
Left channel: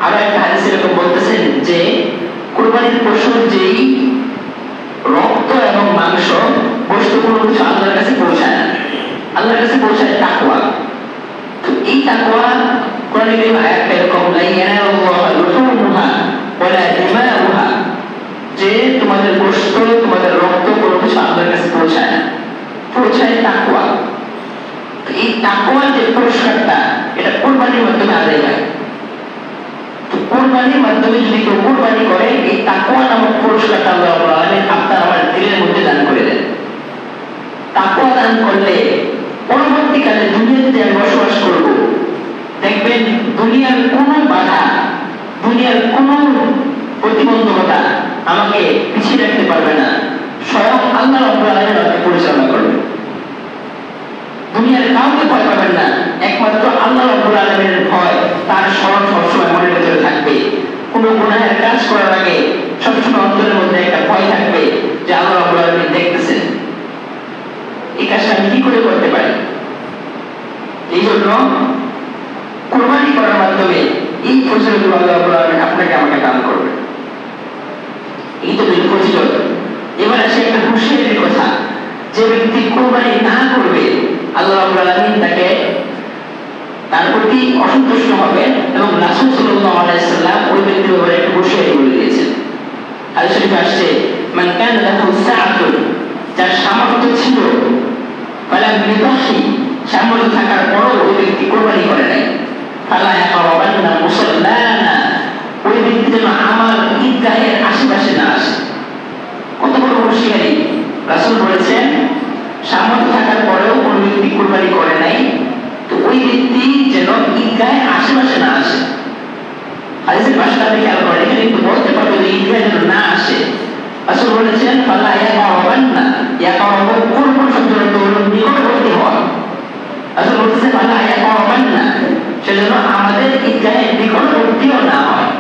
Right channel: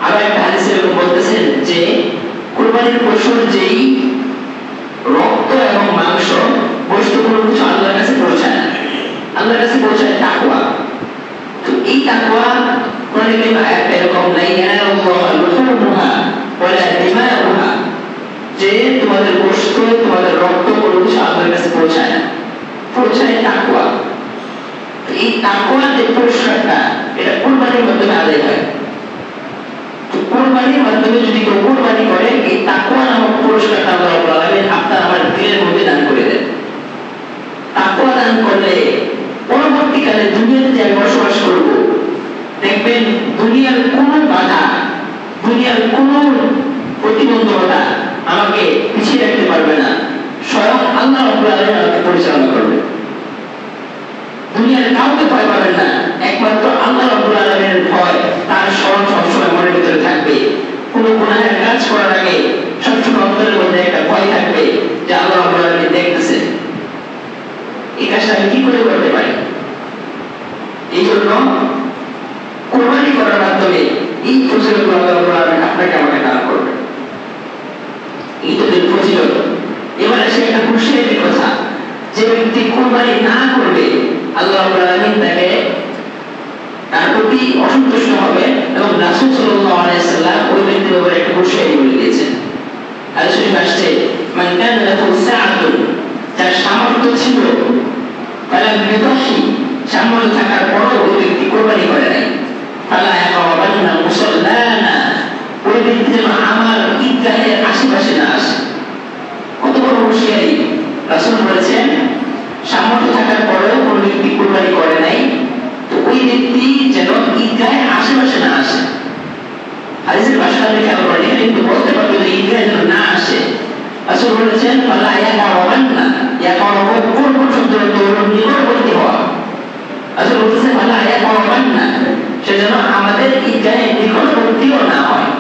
আরো একটা হাদিসে এরকম বলতেছেন যে কুরবানির পশুর যেই রক্ত এবং মাংস বস্তুগুলো কিছু আল্লাহর কাছে পৌঁছায় না, আল্লাহর কাছে পৌঁছায় তাকওয়া। তো এই তাকওয়া কোরআনে কারীমে আয়াতটা এরকম, লা ইয়ানালুল্লাহু লুহুমুহা ওয়ালা দিমাউহা, যে তোমাদের গোশত, তোমাদের রক্ত কোনো কিছু আল্লাহর কাছে পৌঁছায় না, পৌঁছায় তাকওয়া। তো এই তাকওয়ার যে পুরস্কারটা, এটা কুরবানির মাধ্যমে আদায় হয়। কুরবানির মাধ্যমে যদি কেউ কুরবানি করে, এই তাকওয়া নামক পুরস্কারটা আল্লাহ রাব্বুল আলামিন আপনার আমার দিলের মধ্যে দান করে দেন। তাকওয়া দান করলে পরবর্তীকালে দুনিয়াতে যে আমি বসবাস করব, দেখবেন দুনিয়ার কোনো বাধা, দুনিয়ার কোনো প্রতিবন্ধকতা আমাকে পিছিয়ে রাখতে পারবে না। স্বয়ং আল্লাহ রাব্বুল আলামিন আমাকে পরিচালনা করবে। দুনিয়ার কাউকে ভয় পাবেন না, একমাত্র আল্লাহ রাব্বুল আলামিনের ভয়, তার স্মরণ সবসময় মনের ভিতরে থাকবে। কোনো গুনাহের কাজ করার আগে সবসময় অন্তরের মধ্যে একটা ভয় থাকবে যে আল্লাহ রাব্বুল আলামিন দেখতেছেন, এই কাজটা আমি কি করে করতে পারি। এই জন্য কুরবানি করার মাধ্যমে এই ফজিলত আল্লাহ রাব্বুল আলামিন আপনাকে আমাকে দান করবে। এই তো ফজিলত। এবার আসে একটা খুশির কথা, যে ব্যক্তি কুরবানি না করবে আল্লাহ রাব্বুল আলামিন তাকে তার প্রতি অসন্তুষ্ট হবে, এবং রাসূল সাল্লাল্লাহু আলাইহি ওয়াসাল্লাম ওই ব্যক্তির উপরে একটা হুঁশিয়ারি বলে দিয়েছেন। হাদিস শরীফে আসছে, মান কানা লাহু সাআতুন, যার সামর্থ্য ছিল, ফালাম ইউদহি, সামর্থ্য থাকার পরও ওই ব্যক্তি কুরবানি করে নাই, ফালা ইয়াকরাবান্না মুসাল্লানা, ওই ব্যক্তি যেন আমার ঈদগাহের আশেপাশে না আসে। যেন না আসে। রাসূল বলেছেন ফালা ইয়াকাওয়ান্না, ইয়াকাওয়া কোন শব্দের অর্থ হলো নিকটবর্তী হওয়া। রাসূল বলেছেন ফালা ইয়াকাওয়ান্না, সেজন্য আমাদের ঈদগাহে নিকটবর্তীও না হয়।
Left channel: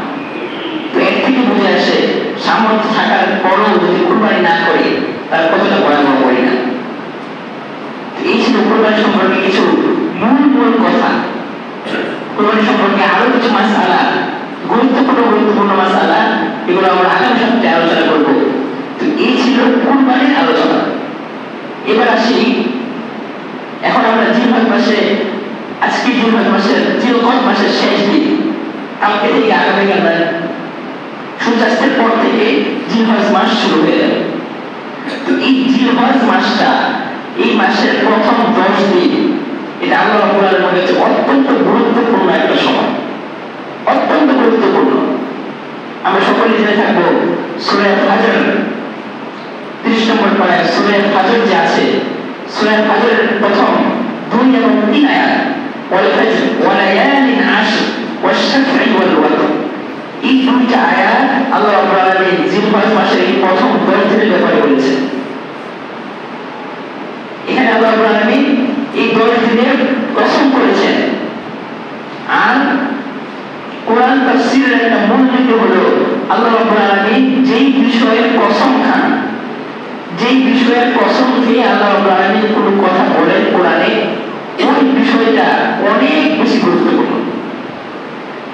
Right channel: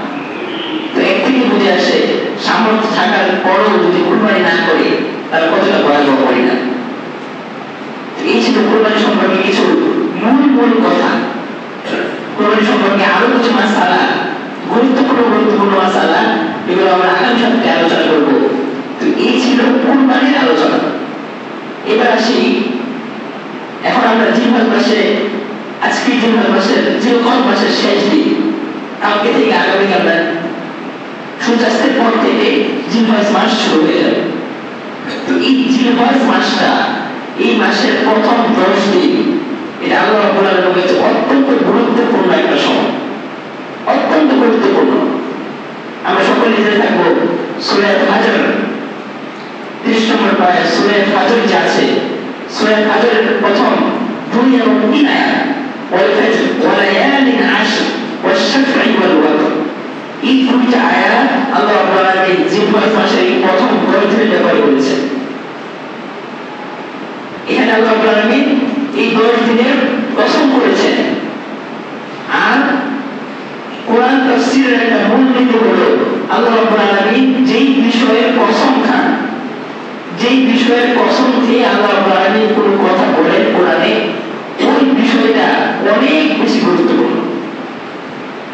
তো এর থেকে বুঝে আসে সামর্থ্য থাকার পরও যদি কুরবানি না করে তাহলে কতটা ভয়াবহ পরিণাম। এই ছিল কুরবানি সম্পর্কে কিছু মূল কথা। কুরবানি সম্পর্কে আরো কিছু মাসালা, গুরুত্বপূর্ণ মাসালা, এগুলো আমরা আগামী সপ্তাহে আলোচনা করব। তো এই ছিল কুরবানির আলোচনা। এবার আসি, এখন আমরা জিলহজ মাসে, আজকে জিলহজ মাসের জিলকদ মাসের শেষ দিন, কালকে থেকে আগামীকাল সূর্যাস্তের পর থেকে জিলহজ মাস শুরু হয়ে যাবে। তো এই জিলহজ মাসটা, এই মাসের প্রথম 10 দিন, এটা আল্লাহ রাব্বুল আলামিনের অত্যন্ত গুরুত্বপূর্ণ একটা সময়, অত্যন্ত গুরুত্বপূর্ণ। আমরা সকলে জেনে থাকবো সূরা ফাজর 30 নম্বর পারায় সূরা ফাজর যে আছে, সূরা ফাজরের প্রথম 2 এবং 3 আয়াত, ওয়াল ফাজর ওয়া লায়ালিন আশর ওয়াশ শাফঈ ওয়াল ওয়াতর, এই দুইটা আয়াত আল্লাহ রাব্বুল আলামিন জিলহজ মাসের এই প্রথম 10 দিনের ব্যাপারে বলেছেন। এখানে আল্লাহ রাব্বুল আলামিন এই 10 দিনের কসম করেছেন। আর কোরআন তাফসীরের একটা মূলনীতি হলো আল্লাহ রাব্বুল আলামিন যেই বিষয়ের কসম খান, যেই বিষয়ের কসম দিয়ে আল্লাহ রাব্বুল আলামিন কোনো কথা বলেন কোরআনে, ওই বিষয়টা অনেক বেশি গুরুত্বপূর্ণ।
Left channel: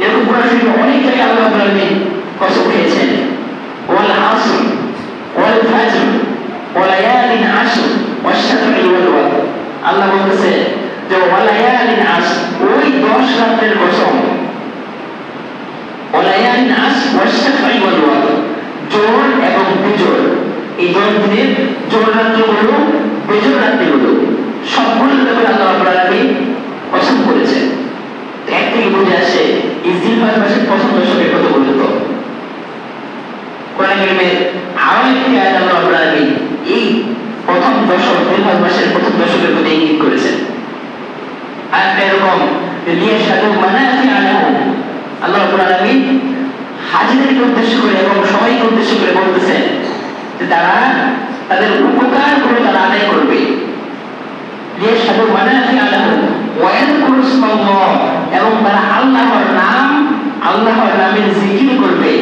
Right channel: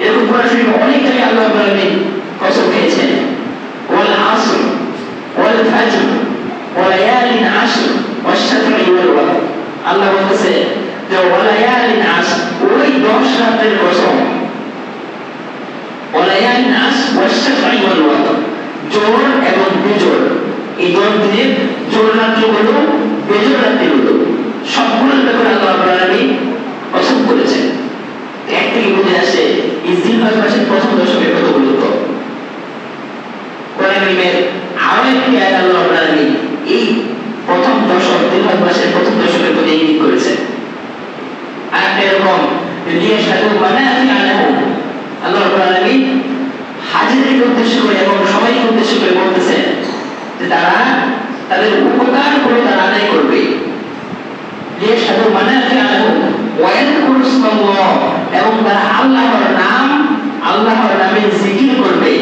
এরকম কোরআন শরীফে অনেক জায়গায় আল্লাহ রাব্বুল আলামিন কসম খেয়েছেন, ওয়াল আসর ওয়াল ফাজর ওয়া লায়ালিন আশর ওয়াশ শাফঈ ওয়াল ওয়াতর। আল্লাহ বলতেছে যে ওয়া লায়ালিন আশর, ওই 10 রাতের কসম, ওয়া লায়ালিন আশর ওয়াশ শাফঈ ওয়াল ওয়াতর, জোহর এবং বিজোড়, এই 10 দিনের জোহর রাত্রিগুলো, বিজোড় রাত্রিগুলো, সবগুলোর ব্যাপারে আল্লাহ রাব্বুল আলামিন কসম করেছেন। এক থেকে বুঝে আসে এই জিলহজ মাসের প্রথম দশকের কত গুরুত্ব। কোরআন কারীমের আরো একটি আয়াত আল্লাহ রাব্বুল আলামিন এই প্রথম দশক, জিলহজ মাসের প্রথম দশকের প্রতি ইঙ্গিত করেছেন। আয়াতটা এরকম, লিয়াশহাদু মানাফিআ লাহুম, আল্লাহ রাব্বুল আলামিন হাজিদেরকে উদ্দেশ্য করে এবং সবাইকে উদ্দেশ্য করে বলতেছেন যে তারা তাদের উপকার করে তারা আদায় করবে। লিয়াশহাদু মানাফিআ লাহুম ওয়া ইয়াযকুরু ইসমাল্লাহ, এবং তারা আল্লাহর নামের জিকির করবে,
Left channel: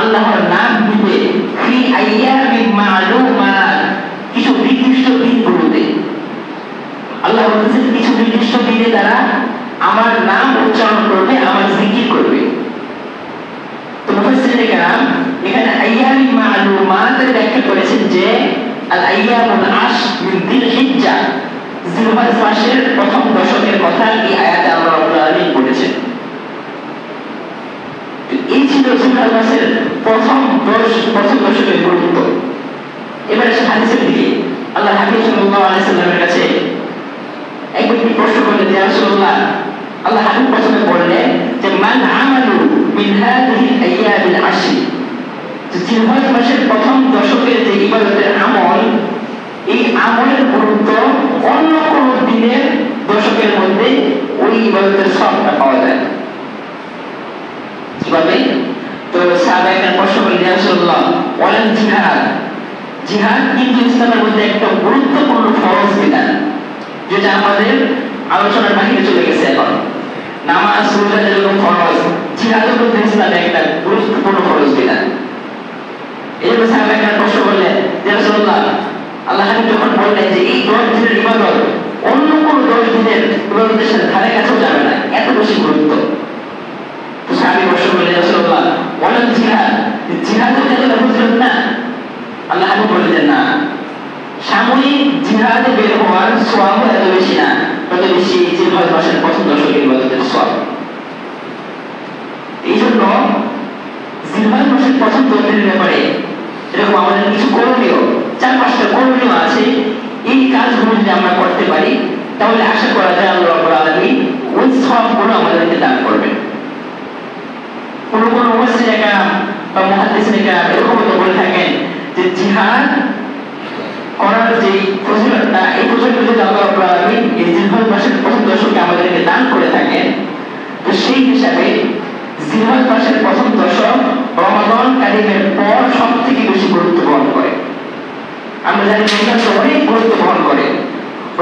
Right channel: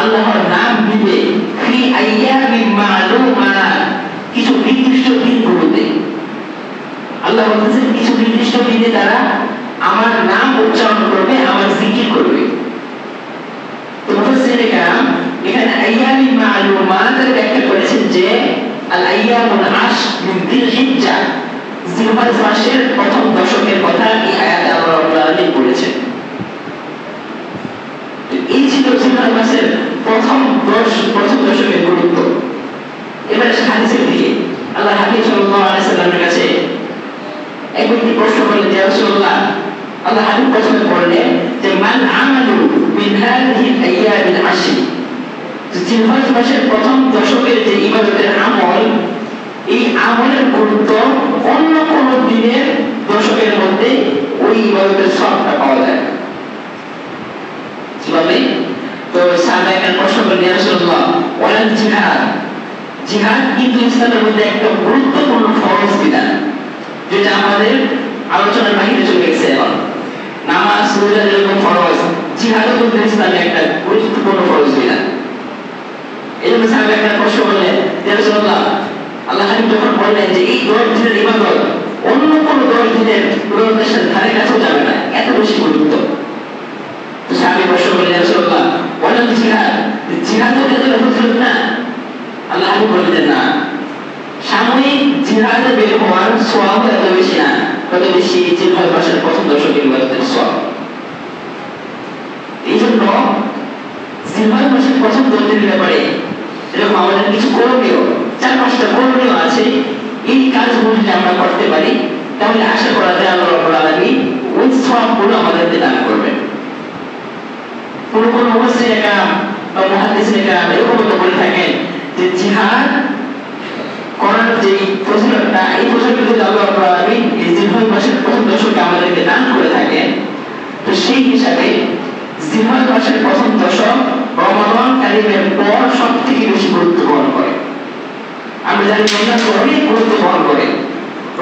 আল্লাহর নাম নিবে, ফি আইয়ামিন মা'লুমাত, কিছু নির্দিষ্ট দিনগুলোতে। আল্লাহ বলতেছেন কিছু নির্দিষ্ট দিনে তারা আমার নাম উচ্চারণ করবে, আমার জিকির করবে। তো মুফাসসিরিনে কেরাম এখানে আইয়ামিন মা'লুমাতের ব্যাখ্যা করেছেন যে আল আইয়ামুল আশর মিন যিলহিজ্জা, জিলহজ মাসের প্রথম দশকের কথা এই আয়াতে আল্লাহ রাব্বুল আলামিন বলেছেন। এই ছিল জিলহজ মাসের প্রথম দশকের গুরুত্ব। এবার হাদিসে দেখি, আল্লাহ হাবিব সাল্লাল্লাহু আলাইহি সাল্লামের কাছে এক ব্যক্তি প্রশ্ন করলেন, ইয়া রাসূলুল্লাহ, আল্লাহ হাবিব প্রশ্ন করলেন যে মান আমালু মিন হাযিহিল আইয়ামিল আশর, জিলহজ মাসের প্রথম দশকের যে ইবাদতের আমল, এই আমলের গুরুত্ব অন্য কোন দিনের দশকের মধ্যে ওই ইবাদতের সবটা পাওয়া যায় কিভাবে? তো সাহাবায়ে প্রশ্ন করলেন, ইয়া রাসূলুল্লাহ ওয়ালাল জিহাদ, জিহাদ কিন্তু ইসলামের মধ্যে একটা গুরুত্বপূর্ণ ফরজ বিধান, যেটা আমাদের আলোচনার বাহিরে চলে গেছে। এখন নামাজ রোজা যেরকম ফরজ, জিহাদও কিন্তু ইসলামের একটা গুরুত্বপূর্ণ ফরজ বিধান। এই জন্য সাহাবায়ে প্রশ্ন করলেন, ইয়া রাসূলুল্লাহ, আল্লাহ হাবিব যখন বললেন যে এই 10 দিনের ইবাদত অন্য কোন 10 দিনের ইবাদতের সাথে ধারে কাছেও যাবে না, এত বেশি গুরুত্ব। তো সাহাবী প্রশ্ন করলেন, ইয়া রাসূলুল্লাহ ওয়ালাল জিহাদ, জিহাদও কি এত ফজিলত না? আল্লাহ হাবিব বললেন না, সাময়িক জিহাদে বের হওয়ার সওয়াব এত বেশি না, তত বেশি জিলহজ মাসের প্রথম দশকের ইবাদতের সওয়াব। এই জন্য জিলহজ মাসের প্রথম 10 দিনের ব্যাপারে এরকম আমাদের কিছু করণীয়, 4-5টা করণীয় আছে। এই কাজগুলো যদি আমরা করতে পারি তাহলে আশা করা যায় আল্লাহ রাব্বুল আলামিন ওই সওয়াবগুলো আমাদেরকে দান করবেন। কোন মুফাসসিরিনে কেরাম বা মুহাদ্দিসিনে কেরাম এরকম বলে থাকেন যে জিহাদ করার যে ফজিলতটা, এই ফজিলতটা যদি আল্লাহ রাব্বুল আলামিন এই জিলহজ মাসের প্রথম দশকে আমাদেরকে দান করে থাকেন, তো সেই হিসাবে জিলহজ মাসের প্রথম দশক রমাদান কারিমের পর সবথেকে বেশি গুরুত্ব বহন করে। আমরা জানি রমজান অনেক গুরুত্ব বহন করে।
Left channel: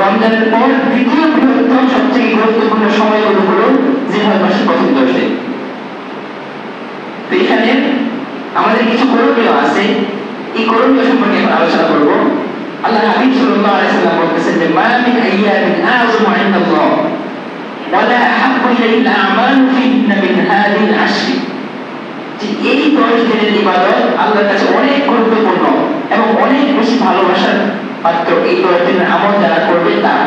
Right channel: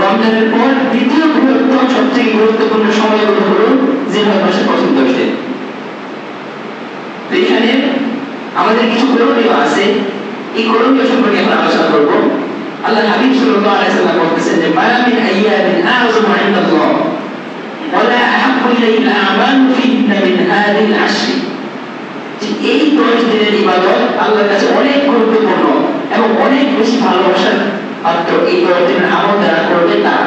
রমজানের পর দ্বিতীয় বৃহত্তম সবথেকে গুরুত্বপূর্ণ সময়গুলো হলো জিলহজ মাসের প্রথম 10 দিন। তো এখানে আমাদের কিছু করণীয় আছে, এই করণীয় সম্পর্কে আমরা আলোচনা করব। আল্লাহ হাবিব সাল্লাল্লাহু আলাইহি ওয়াসাল্লাম বলেছেন যে মা মিন আইয়ামিন আযমু ইনদাল্লাহ ওয়া লা আহাব্বু ইলাইহিল আমালু ফিহিন্না মিন হাযিহিল আশর। যে এই 10 দিনের ইবাদত আল্লাহর কাছে অনেক গুরুত্বপূর্ণ এবং অনেক বেশি ভালোবাসার পাত্র এই 10 দিনের আমল যারা করবে তারা।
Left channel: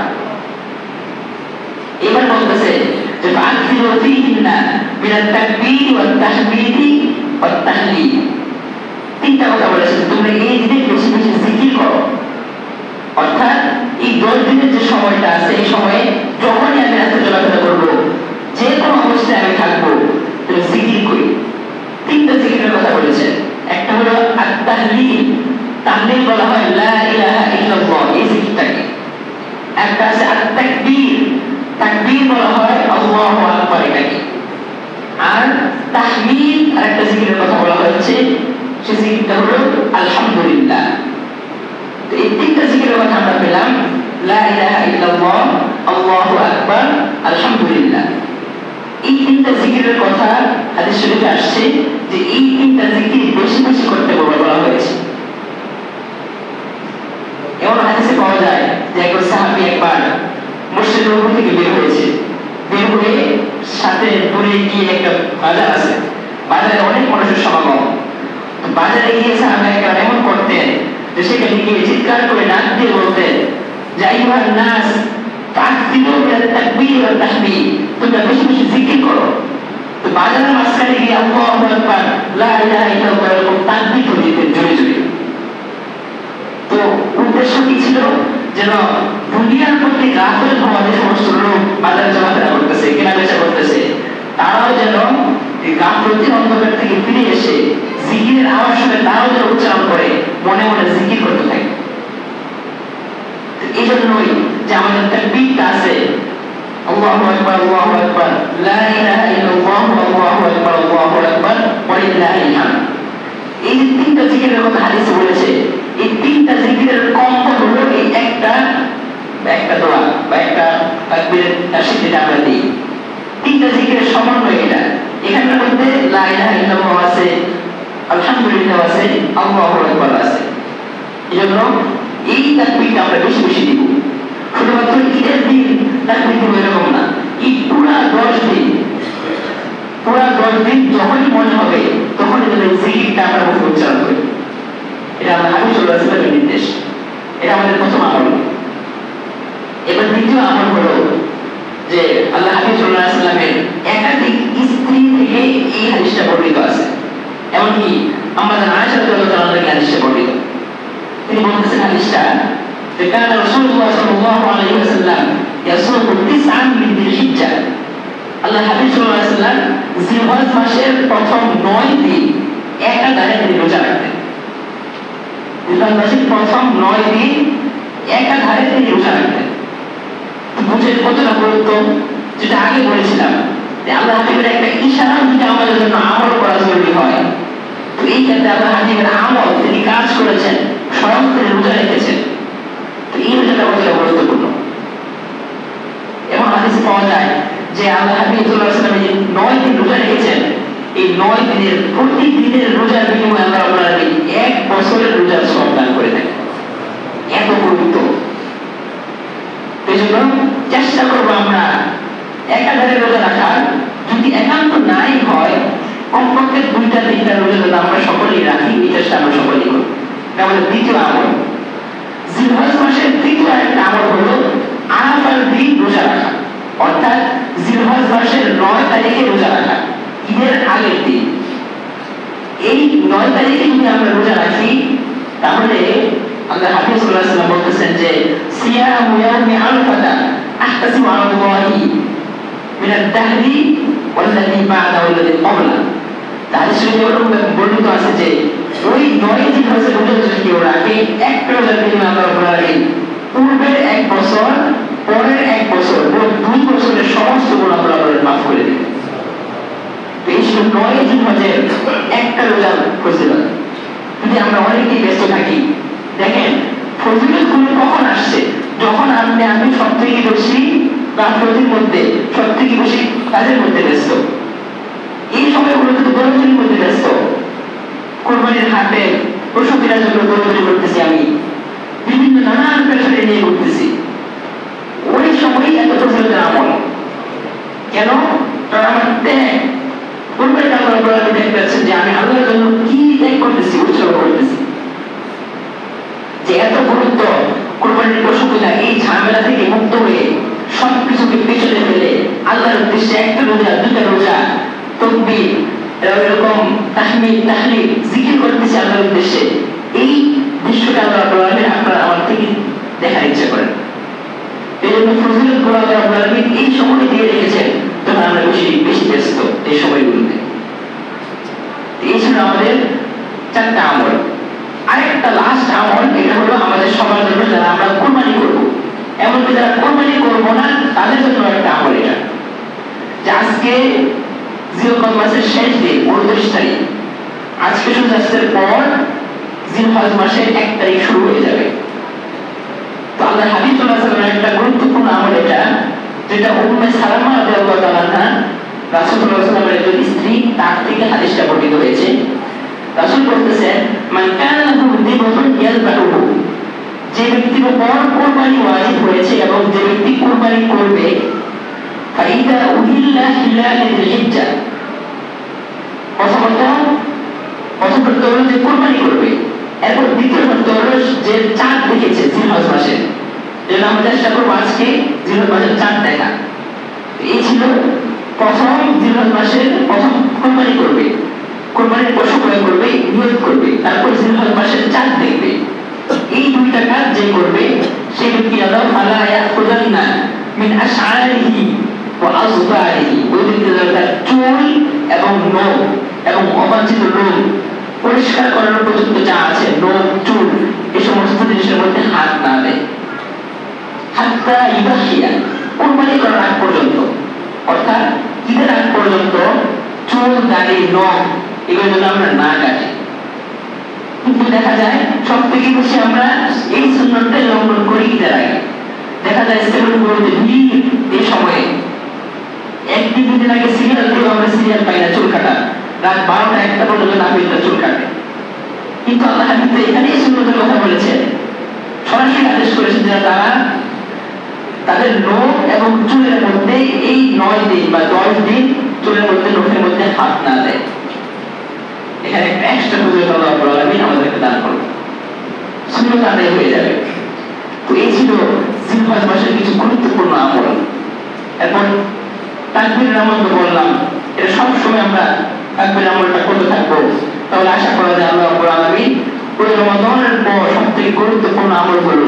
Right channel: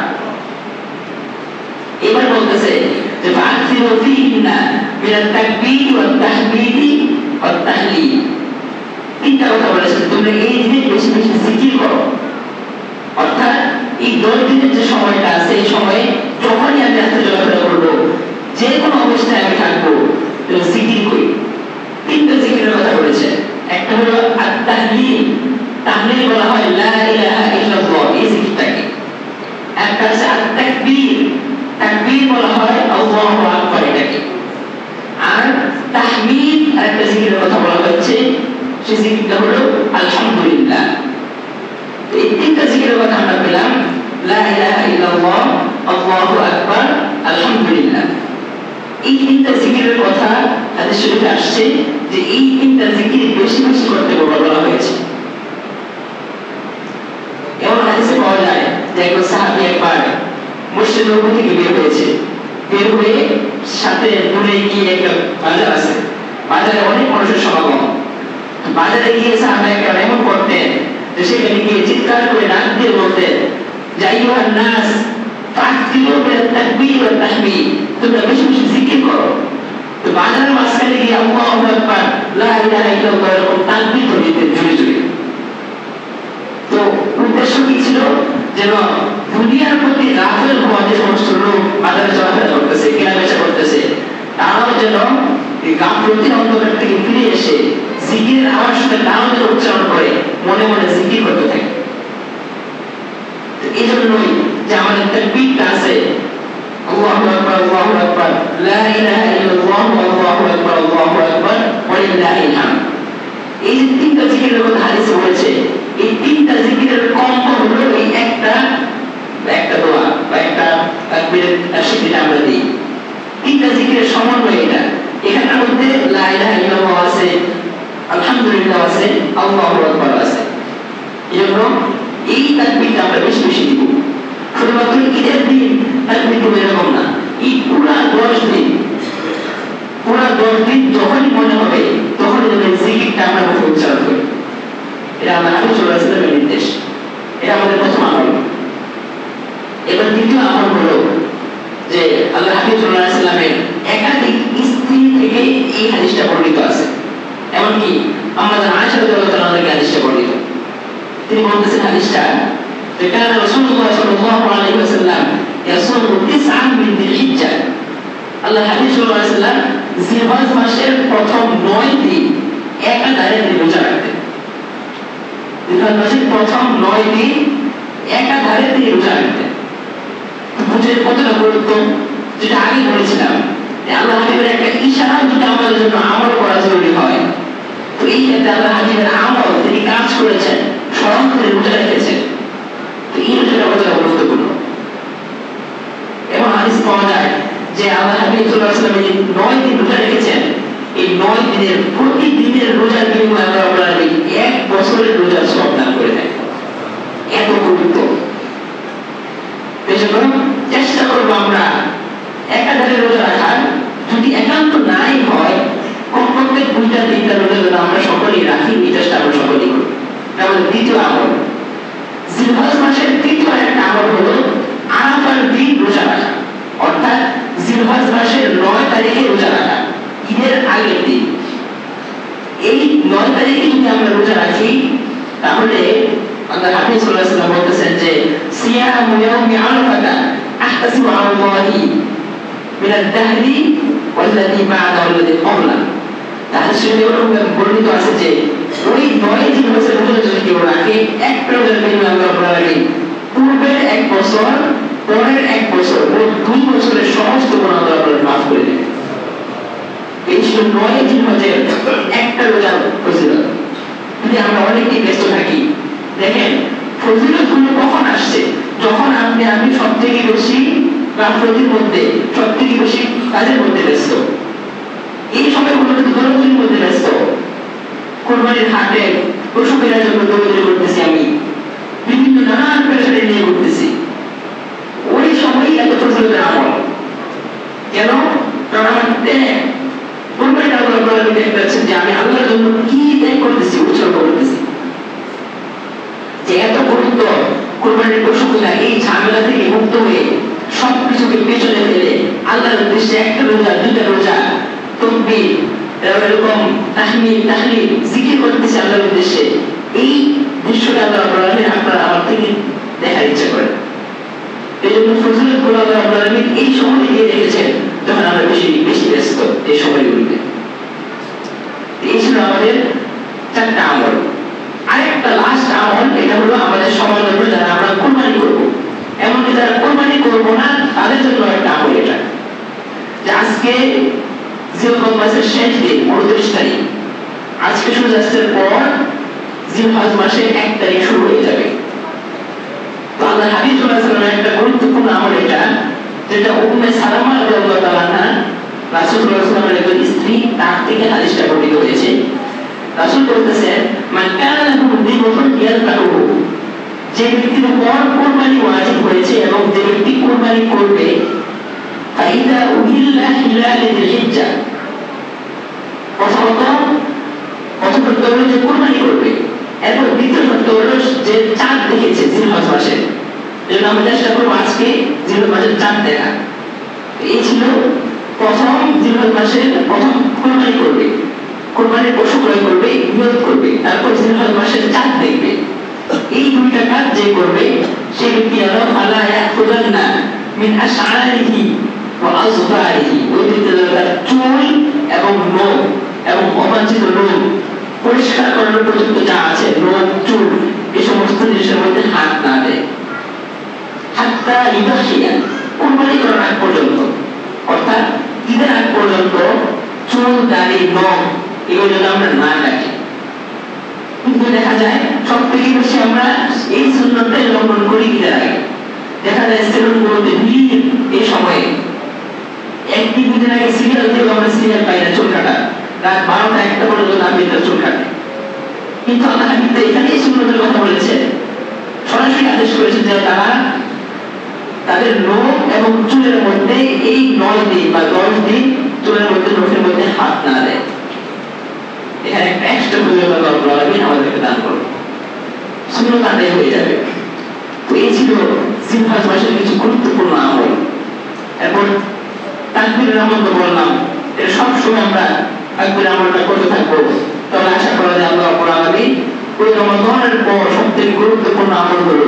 এবার বলতেছে যে ফাকসিরু ফিহিন্না মিনাত তাকবীর ওয়াত তাহমীদ ওয়াত তাহলিল। তিনটা কথা বলেছেন, তোমরা এই দিনে বেশি বেশি জিকির করো। অর্থাৎ এই 10 দিনের যে সময়টা আছে এই সময়ে যখনই আমি রাস্তা চলাফেরা করবো, যে কোনো অবস্থায় আমি থাকবো, জিকির করি। তিনটা জিকিরের কথা বলেছে। একটা হলো আত-তাহলিল, তাহলিল বলা হয় লা ইলাহা ইল্লাল্লাহ, এই জিকিরটাকে। একটা আছে আত-তাকবীর, তাকবীর বলা হয় আল্লাহু আকবার এটাকে। আর তাহমিদ আরেকটা জিকিরের কথা বলা হচ্ছে, সেই জিকিরটা হলো আলহামদুলিল্লাহ। তো এই তিনটা জিকিরের কথা আমরা পেলাম, লা ইলাহা ইল্লাল্লাহ, আল্লাহু আকবার, আলহামদুলিল্লাহ। এই তিনটা জিকিরের কথা হাদিস শরীফে আসছে যে এই তিনটা জিকির বেশি বেশি করতে বলা হয়েছে। এমন হাদিসে পাওয়া যায় যে একজন সাহাবী একবার মসজিদ নববী থেকে বের হয়েছে, বের হয়ে সাথে দূরে গিয়ে একটা বাজার আছে, বাজারে অনেক মানুষের সমাগম। বাজারে গিয়ে সাহাবী একবার এমন করতেন যে সেখানে গিয়ে চিৎকার করে ডাক দিয়ে বলতেন যে আইয়ুহান নাস ফাকসিরু মিনাত তাকবীর ওয়াত তাহমীদ, তোমরা বেশি বেশি জিকির করো। তো বাজারের মাঝখানে গিয়ে আল্লাহু আকবার, লা ইলাহা ইল্লাল্লাহ এরকম তাকবীর দিতেন জোরে জোরে। তো উদ্দেশ্য কি ছিল? যেন দুনিয়ার প্রতি গাফেল হওয়া যে সমস্ত লোক বাজারে চলাফেরা করতেছে, কেনাবেচা করতেছে, তারাও যেন এই গাফলতির অন্ধকার থেকে ফিরে এসে জিকিরের আওয়াজ শুনে তারাও যেন উচ্চারণ করে মনে মনে জিকির করতে থাকে। এই জন্যই যে আমাদের তাকবীরটা আছে আল্লাহু আকবার, আল্লাহু আকবার, লা ইলাহা ইল্লাল্লাহ, আল্লাহু আকবার, আল্লাহু আকবার, ওয়া লিল্লাহিল হামদ। এই যে তিনটা জিকিরের কথা হাদিসে বলেছে, এই তিনটা জিকিরের কম্প হলো এই একটা দোয়া বা একটা তাকবীরের তাশহীদ যেটা আমরা দিই। তিনটা জিকিরের সমন্বয় এটা। এখানের মধ্যে লা ইলাহা ইল্লাল্লাহ আছে, আলহামদুলিল্লাহ আছে, আল্লাহু আকবার আছে। এজন্য এই তাকবীরটা আমরা বেশি বেশি দিব। শুধুমাত্র ঈদের দিন তাকবীর দিব এরকম না, এই পুরা 10 দিন যখনই মনে হবে তখনই এই জিকিরটা আমরা মুখে উচ্চারণ করি। এটা আমরা হাদিস রাসূলের নির্দেশ। এটা আমাদের প্রথম আমল। এবার দ্বিতীয় আমল হলো যে আল্লাহ হাবিব সাল্লাল্লাহু আলাইহি ওয়াসাল্লামের একাধিক স্ত্রী থেকে এই হাদিসটা বর্ণিত আছে। এমনকি আমাদের আয়েশা রাদিয়াল্লাহু আনহা হাদিসটা বর্ণিত। তিনি বলতেছেন হাদিসটা যে কানা রাসূলুল্লাহ সাল্লাল্লাহু আলাইহি ওয়াসাল্লাম ইয়াসুমু 9 মিন যিলহিজ্জাহ। আল্লাহ হাবিব সাল্লাল্লাহু আলাইহি ওয়াসাল্লাম জিলহজ মাসের প্রথম 9 দিন একাধারে রোজা রাখতেন। জিলহজ মাসের প্রথম 9 দিন একাধারে তিনি রোজা রাখতেন। বুঝে কতটা গুরুত্ব, যেটা আগে বলেছিলাম যে আল্লাহ হাবিবের একটা ইশারা যেটা আমাদের জন্য আমল করা জরুরি হয়। তো এই ক্ষেত্রে আল্লাহ হাবিবের আমল তিনি কাজ করেছেন, স্মরণ করে রোজা রেখেছেন। তো এই রোজাটা কতটা গুরুত্বপূর্ণ। এমন হাদিস পাওয়া যায় যে আল্লাহ হাবিব সাল্লাল্লাহু আলাইহি ওয়াসাল্লাম যে 9 দিন রোজা রেখেছেন, এই 9 দিনের প্রতিদিনের রোজার বিনিময়ে আল্লাহ রাব্বুল আলামিন 1 বছরের রোজার সওয়াব দান করে দেন। এত গুরুত্ব। এজন্য চেষ্টা করবো আমরা একাধারে রোজা রাখার। যদি একান্ত নাই হয় কমপক্ষে 2-3টা রোজা আমরা সকলেই রাখি, এই চেষ্টা আমরা সকলেই করি। আমাদের দ্বিতীয় আমল, জিলহজ মাসের তৃতীয় একটা আমল হলো আরাফার দিন রোজা রাখা। অর্থাৎ জিলহজ মাসের 9 তারিখে রোজা রাখা, ঈদের আগের দিন। এই 9 তারিখে যদি আমরা রোজা রাখি তাহলে আল্লাহ হাবিব সাল্লাল্লাহু আলাইহি ওয়াসাল্লাম বলতেছেন যে সিয়ামু ইয়াউমি আরাফা আহতাসিবু আলাল্লাহি মিনাদ দাহরি ওয়াল্লাযী বা'দা ওয়াল্লাযী ক্বাবলা। তাহলে সেটা বর্ণিত আছে যে ওই 9 দিন হচ্ছে রোজা যদি কেউ রাখে, এক রোজার দিন আল্লাহ রাব্বুল আলামিন পূর্বের 1 বছর, পরের 1 বছর, মোট 2 বছরের সমস্ত গুনাহ আল্লাহ মাফ করে দিবেন। এই ছিল 9 জিলহজের একটা রোজার ফজিলত। যদি আমরা অনেকেই ব্যস্ত থাকি, দেখেন ফজিলত গুলো কখন আসছে? যখন আমি সব থেকে বেশি গাফলতির মধ্যে, সব থেকে বেশি কাজের মধ্যে ব্যস্ত। এই সময়গুলো কিন্তু দৌড়াদৌড়ির মধ্যে ব্যস্ত। কোরবানির হাটে পশু কেনার জন্য দৌড়াদৌড়ি করতেছি, আমি বিভিন্ন নানান পেশারে নিয়ে ঘুরতেছি। ওই সময়ই এত ফজিলতের আমল কেন? কারণ আমার ত্যাগ, কোরবানিটা আল্লাহ রাব্বুল ত্যাগ করছেন যে আমি আল্লাহর জন্য কি ত্যাগ করতেছি, উৎসর্গ করতেছি। যে এত গুরুত্ব কোরবানির পশু কেনা, এই ঝামেলা থেকে মুক্ত হয়ে সবকিছুকে পেছনে ফেলে আল্লাহর উদ্দেশ্যে একটা রোজা, দুটা রোজা, তাকবীর, এরকম তাহমিদ, তাহলিল, জিকির করতেছে আল্লাহর উদ্দেশ্যে। এই দৃশ্যটা আল্লাহ রাব্বুল আলামিন আপনার আমার থেকে দেখার ইচ্ছে করেন। এই জন্য ফজিলত গুলো আল্লাহ রাব্বুল আলামিন এই সময় দিয়ে রেখেছেন যখন আমরা বেশি বেশি ব্যস্ত এই সময়গুলোতে। এই ছিল আমাদের 4টা আমল। আরেকটা লাস্ট আমল, এটা হলো আমাদের সবার জন্য যারা আমরা কোরবানি করবো, এমনকি যারা কোরবানি করবো না তাদের জন্য একটা আমল এটা, যে আজকে জিলহজ মাসের শেষ দিন 29 তারিখ, আজকে সূর্যাস্তের পর জিলহজ মাসের 1 তারিখ শুরু হয়ে যাবে। তো আল্লাহ হাবিব সাল্লাল্লাহু আলাইহি ওয়াসাল্লামের একটা গুরুত্বপূর্ণ আমল এটা, যেটা উম্মে সালামা রাদিয়াল্লাহু তাআলা আনহা, রাসূল সাল্লাল্লাহু আলাইহি ওয়াসাল্লামের একজন স্ত্রী, তার থেকে হাদিসটা বর্ণিত হয়েছে। রাসূল বলতেছেন, মান কানা লাহু দিবুন ইয়ালকাহু, যে ব্যক্তির উপর কুরবানি ওয়াজিব হয়েছে এবং যে ব্যক্তি কুরবানি করবে, ফাইদা উহিল্লা হিলাল যিলহিজ্জা, প্রথমত হলো যে কুরবানি করবে, এরপর দ্বিতীয় শর্ত হলো যে চাঁদ দেখেছে জিলহজ মাসে, যেটা আমরা চেষ্টা করবো আজকে জিলহজ মাসের চাঁদ দেখা। এই ছিল প্রথম জিলহজ মাসের প্রথম কুরবানি করবে, কুরবানির পশু ক্রয় করবে, নিয়ত করবে, তারপর জিলহজ মাসের চাঁদ দেখবে। এই দুইটা কাজ যে করবে সে ব্যক্তি আল্লাহ ফালা ইয়াখুদান্না মিন আশআরিহি ওয়া আযফারিহি, ওই ব্যক্তি তার চুল এবং নখ এবং অবাঞ্ছিত রোগ পরিষ্কার করার পর্যন্ত যা আছে, নখ, চুল, এই সমস্ত জিনিসের মধ্যে হাত না দেয়, হাত্তা ইবাহিয়া, কুরবানি করার আগ পর্যন্ত, অর্থাৎ ঈদের আগ পর্যন্ত চুল, দাড়ি, নখ এগুলো যেন আমরা না কাটি। কিন্তু দেখা যায় সব থেকে বেশি আমরা এই সুন্নতটাই লঙ্ঘন করি ঈদের আগে। দেখা যায় সেলুনগুলোতে ভিড় এই সময়ে, একটি দিন আগে সিরিয়াল দিয়ে আমরা সিরিয়াল পাই না চুল কাটা, রাত 12টা 1টা পর্যন্ত আমি এটা চুল কাটি। কিন্তু আল্লাহ হাদিসে এখানে এই সুন্নতের কথা বলেছেন, সরাসরি আদেশ করেছেন যে তারা তাদের নখ এবং চুলের মধ্যে এই 9 দিন বা 10 দিন চুলের মধ্যে, নখের মধ্যে হাত না দেয়। এখানে একটা এক্সট্রা বুঝে আল্লাহ রাব্বুল আলামিন আমাদেরকে দান করুন, সুন্নাত আদায় হয়ে যাবে। তো এই ছিল জিলহজ মাসের কিছু গুরুত্বপূর্ণ আমল। এখন তাকবীরের আমল তো বললাম, এটা সবসময় আমরা তাকবীরের আমলটা করতে থাকবো। তাহলে আশা করা যায় আল্লাহ রাব্বুল আলামিন ওই রমাদানের পর সবথেকে গুরুত্বপূর্ণ আমলগুলো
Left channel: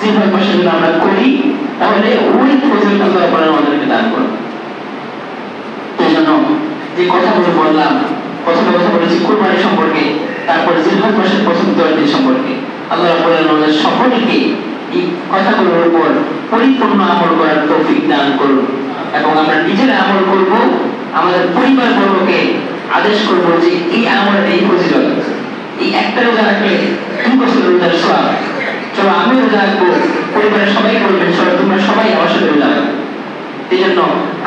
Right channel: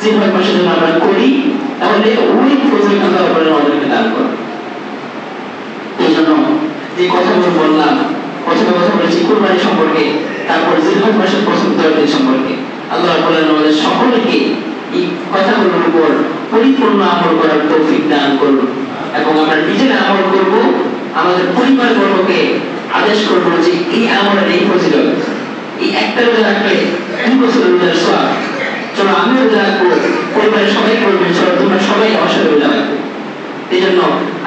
জিলহজ মাসে যদি আমরা করি, তাহলে ওই ফজিলত আল্লাহ রাব্বুল আলামিন আমাদেরকে দান করুন। এই জন্য যে কথাগুলো বললাম, কথা বলেছি কুরবানি সম্পর্কে, তারপর জিলহজ মাসের প্রথম 10 দিন সম্পর্কে, আল্লাহ রাব্বুল আলামিন আমাদের সকলকে এই কথাগুলোর উপর পরিপূর্ণ আমল করার তৌফিক দান করুন, এবং আমরা নিজেরা আমল করব, আমাদের পরিবার বর্গকে আদেশ করব যে এই আমলের এই ফজিলত, এই একটা রোজা রাখলে 2 বছর রোজার সওয়াব, চলো আমি রোজা রাখবো, পরিবারের সবাই করবে, চলো তোমরা সবাই আমার সাথে রোজা রাখো। এই জন্য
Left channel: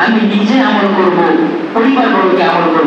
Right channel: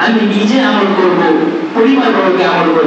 আমি নিজে আমল করব, পরিবার বর্গকে আমল করব।